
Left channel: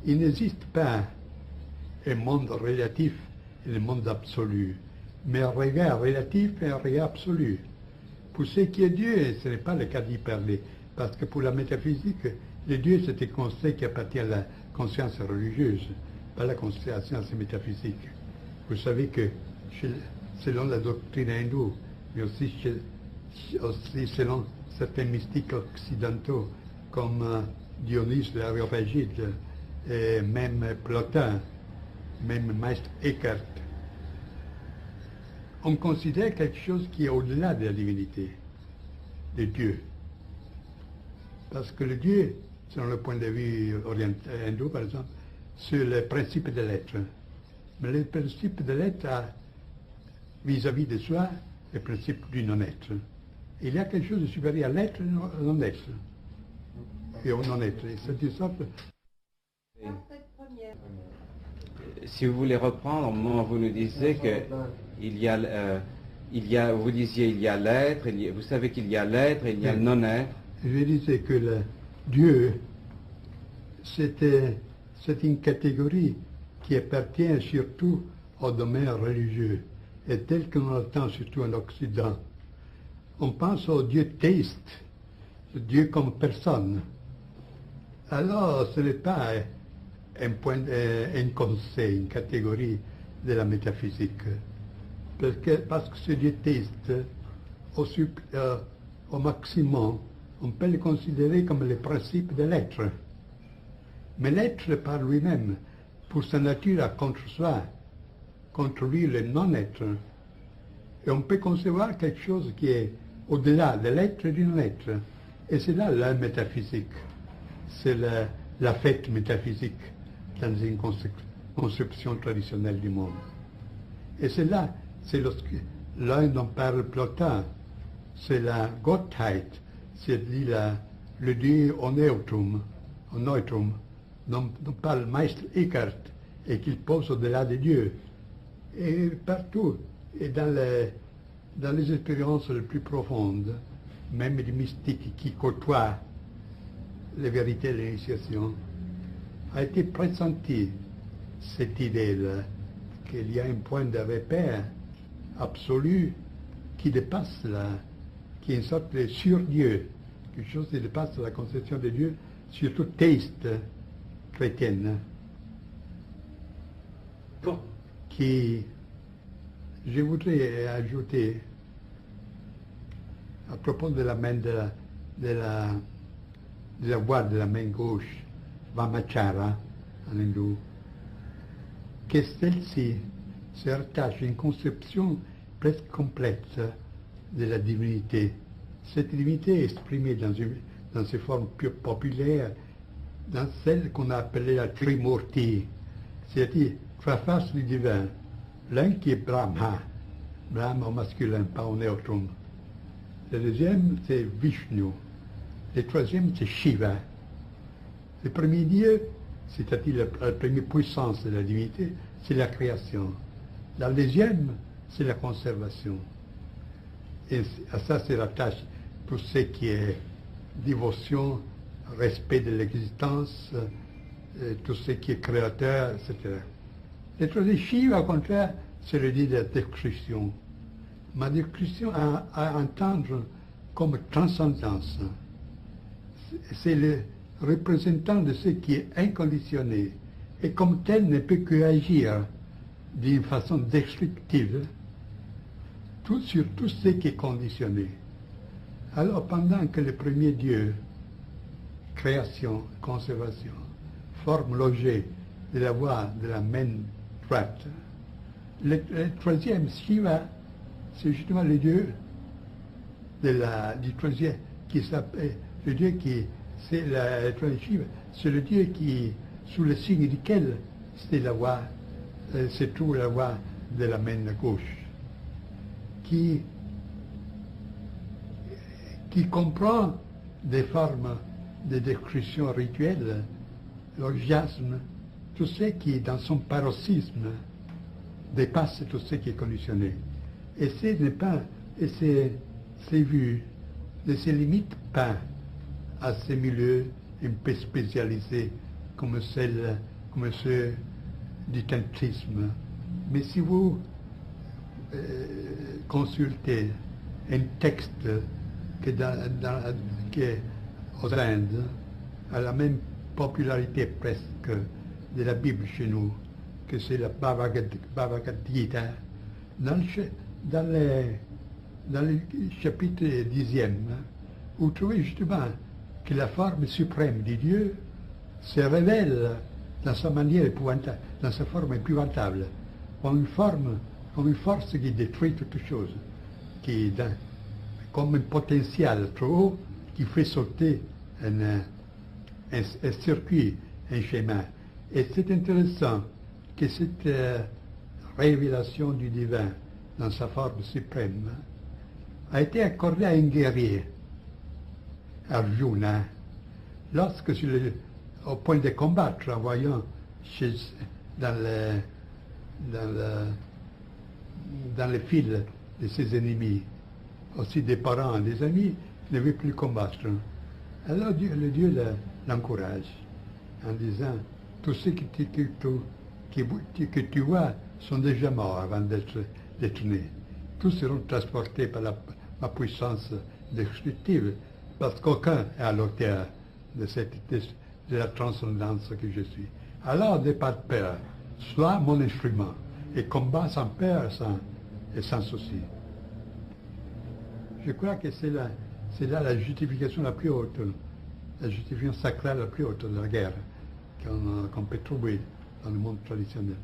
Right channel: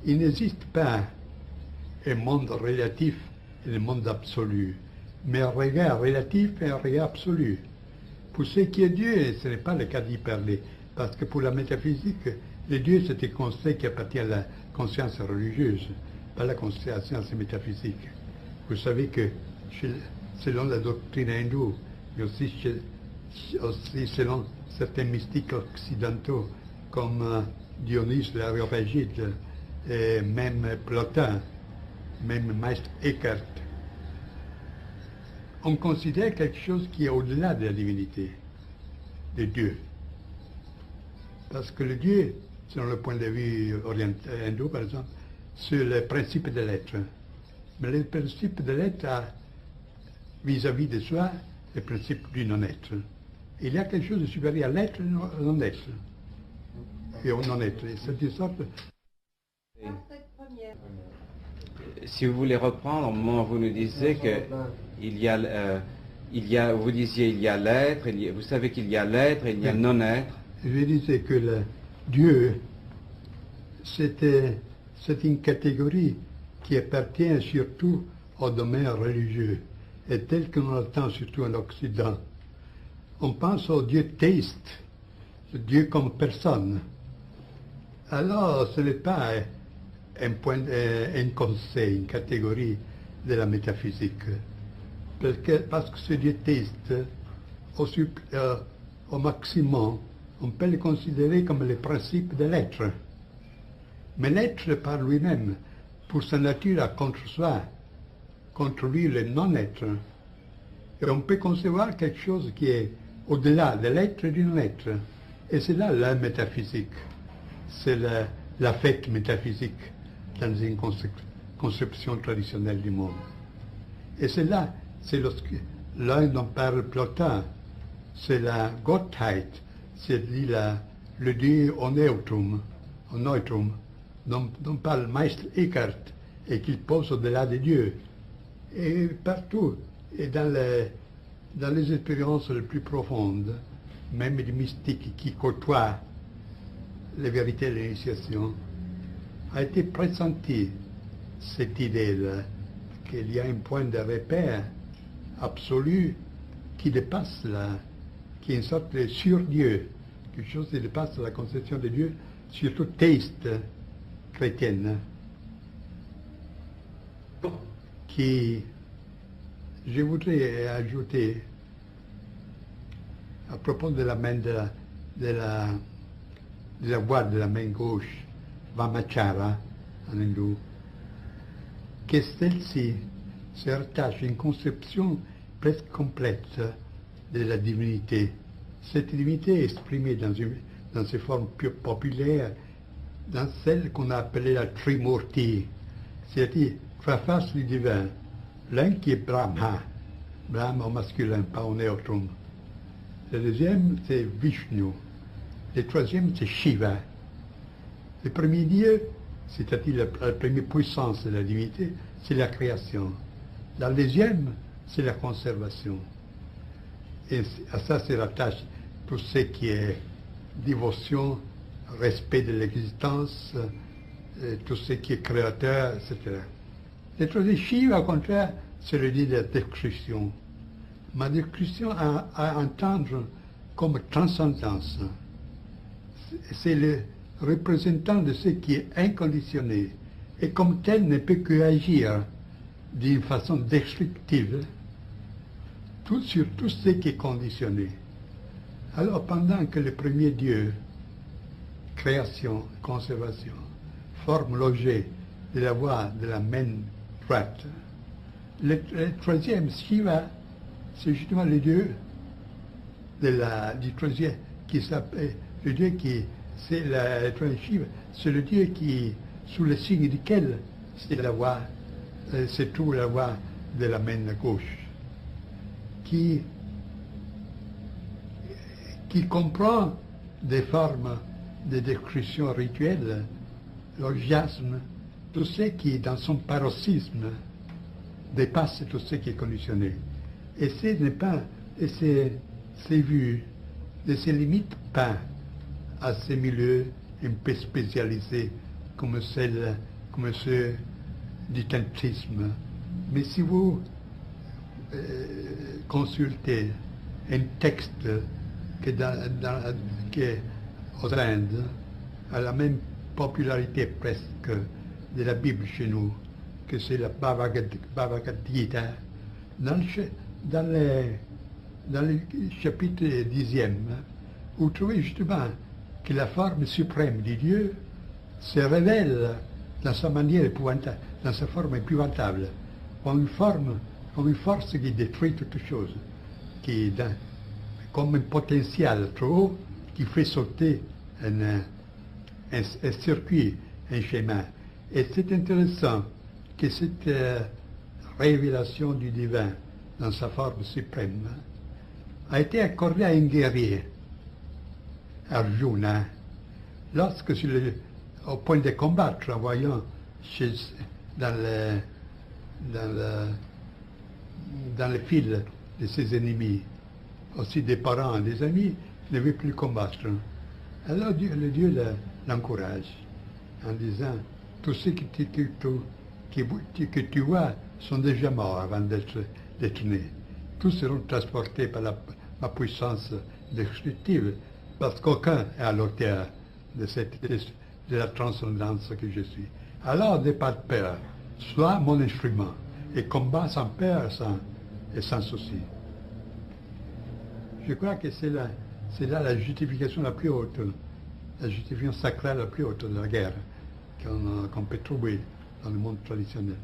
il n'existe pas un monde relatif et un monde absolu, mais un regard relatif et un regard absolu. Pour ce qui est Dieu, ce n'est pas le cas d'y parler, parce que pour la métaphysique, le Dieu c'est un concept qui appartient à la conscience religieuse, pas à la conscience métaphysique. Vous savez que selon la doctrine hindoue, et aussi selon certains mystiques occidentaux, comme Dionys l'Aréopagite, et même Plotin, même Maître Eckhart, on considère quelque chose qui est au-delà de la divinité, de Dieu. Parce que le Dieu, selon le point de vue oriental, hindou par exemple, c'est le principe de l'être. Mais le principe de l'être a, vis-à-vis de soi, le principe du non-être. Il y a quelque chose de supérieur à l'être et au non-être. Et au non-être. Et c'est une sorte... Si vous voulez reprendre, au moment où vous nous disiez que vous disiez il y a l'être, vous savez qu'il y a l'être et il y a le non-être. Je disais que Dieu, c'est une catégorie qui appartient surtout au domaine religieux, et tel que l'on l'entend surtout en Occident. On pense au Dieu théiste, le Dieu comme personne. Alors, ce n'est pas un conseil, une catégorie de la métaphysique. Parce que ce Dieu théiste, au maximum, on peut le considérer comme le principe de l'être. Mais l'être par lui-même, pour sa nature, a contre soi, contre lui le non-être. Et on peut concevoir quelque chose qui est au-delà de l'être et du non-être. Et c'est là la métaphysique. C'est l'affect métaphysique dans une conception traditionnelle du monde. Et c'est là, c'est l'un dont parle Plotin, c'est la Gottheit, c'est-à-dire le Dieu au neutrum, dont parle Meister Eckhart et qu'il pose au-delà de Dieu. Et partout, et dans les expériences les plus profondes, même les mystiques qui côtoient les vérités de l'initiation, a été pressenti cette idée-là, qu'il y a un point de repère absolu qui dépasse qui est une sorte de sur-Dieu, quelque chose qui dépasse la conception de Dieu, surtout théiste chrétienne, qui, je voudrais ajouter, à propos de la main de la voix de la main gauche, Vamachara, en hindou, que celle-ci se rattache à une conception presque complète de la divinité. Cette divinité est exprimée dans ses formes plus populaires, dans celle qu'on a appelée la Trimurti, c'est-à-dire trois faces du divin. L'un qui est Brahma au masculin, pas au neutrum. Le deuxième, c'est Vishnu. Le troisième, c'est Shiva. Le premier Dieu, c'est-à-dire la première puissance de la divinité, c'est la création. La deuxième, c'est la conservation. Et à ça se rattache tout ce qui est dévotion, respect de l'existence, tout ce qui est créateur, etc. Le troisième Shiva, au contraire, c'est le dieu de la destruction. Ma destruction à entendre comme transcendance. C'est le représentant de ce qui est inconditionné et comme tel ne peut que agir d'une façon destructive sur tout ce qui est conditionné. Alors pendant que le premier Dieu, création, conservation, forme l'objet de la voie de la main droite, le troisième, Shiva, c'est justement le Dieu du troisième qui s'appelle, le Dieu qui, c'est le troisième Shiva, c'est le Dieu qui, sous le signe duquel c'est la voie, c'est tout la voie de la main gauche, qui comprend des formes de destruction rituelle, l'orgiasme, tout ce qui, dans son paroxysme, dépasse tout ce qui est conditionné. Et c'est vu, ne se limite pas à ces milieux un peu spécialisés comme ceux du tantrisme. Mais si vous consultez un texte qui aux Indes a la même popularité presque de la Bible chez nous, que c'est la Bhagavad Gita, dans le chapitre 10e, vous trouvez justement que la forme suprême du Dieu se révèle dans sa manière épouvantable, dans sa forme épouvantable, comme une force qui détruit toute chose, qui est comme un potentiel trop haut qui fait sauter un circuit, un schéma. Et c'est intéressant que cette révélation du divin dans sa forme suprême a été accordée à un guerrier, Arjuna, lorsque au point de combattre, en voyant dans le fil de ses ennemis, aussi des parents, des amis, ne veut plus combattre. Alors le Dieu l'encourage en disant, tous ceux que tu vois sont déjà morts avant d'être nés. Tous seront transportés par ma puissance destructive, parce qu'aucun est à l'auteur de de la transcendance que je suis. Alors, de par père, soit mon instrument, et combat sans peur et sans souci. Je crois que c'est là la justification la plus haute, la justification sacrale la plus haute de la guerre qu'on peut trouver dans le monde traditionnel.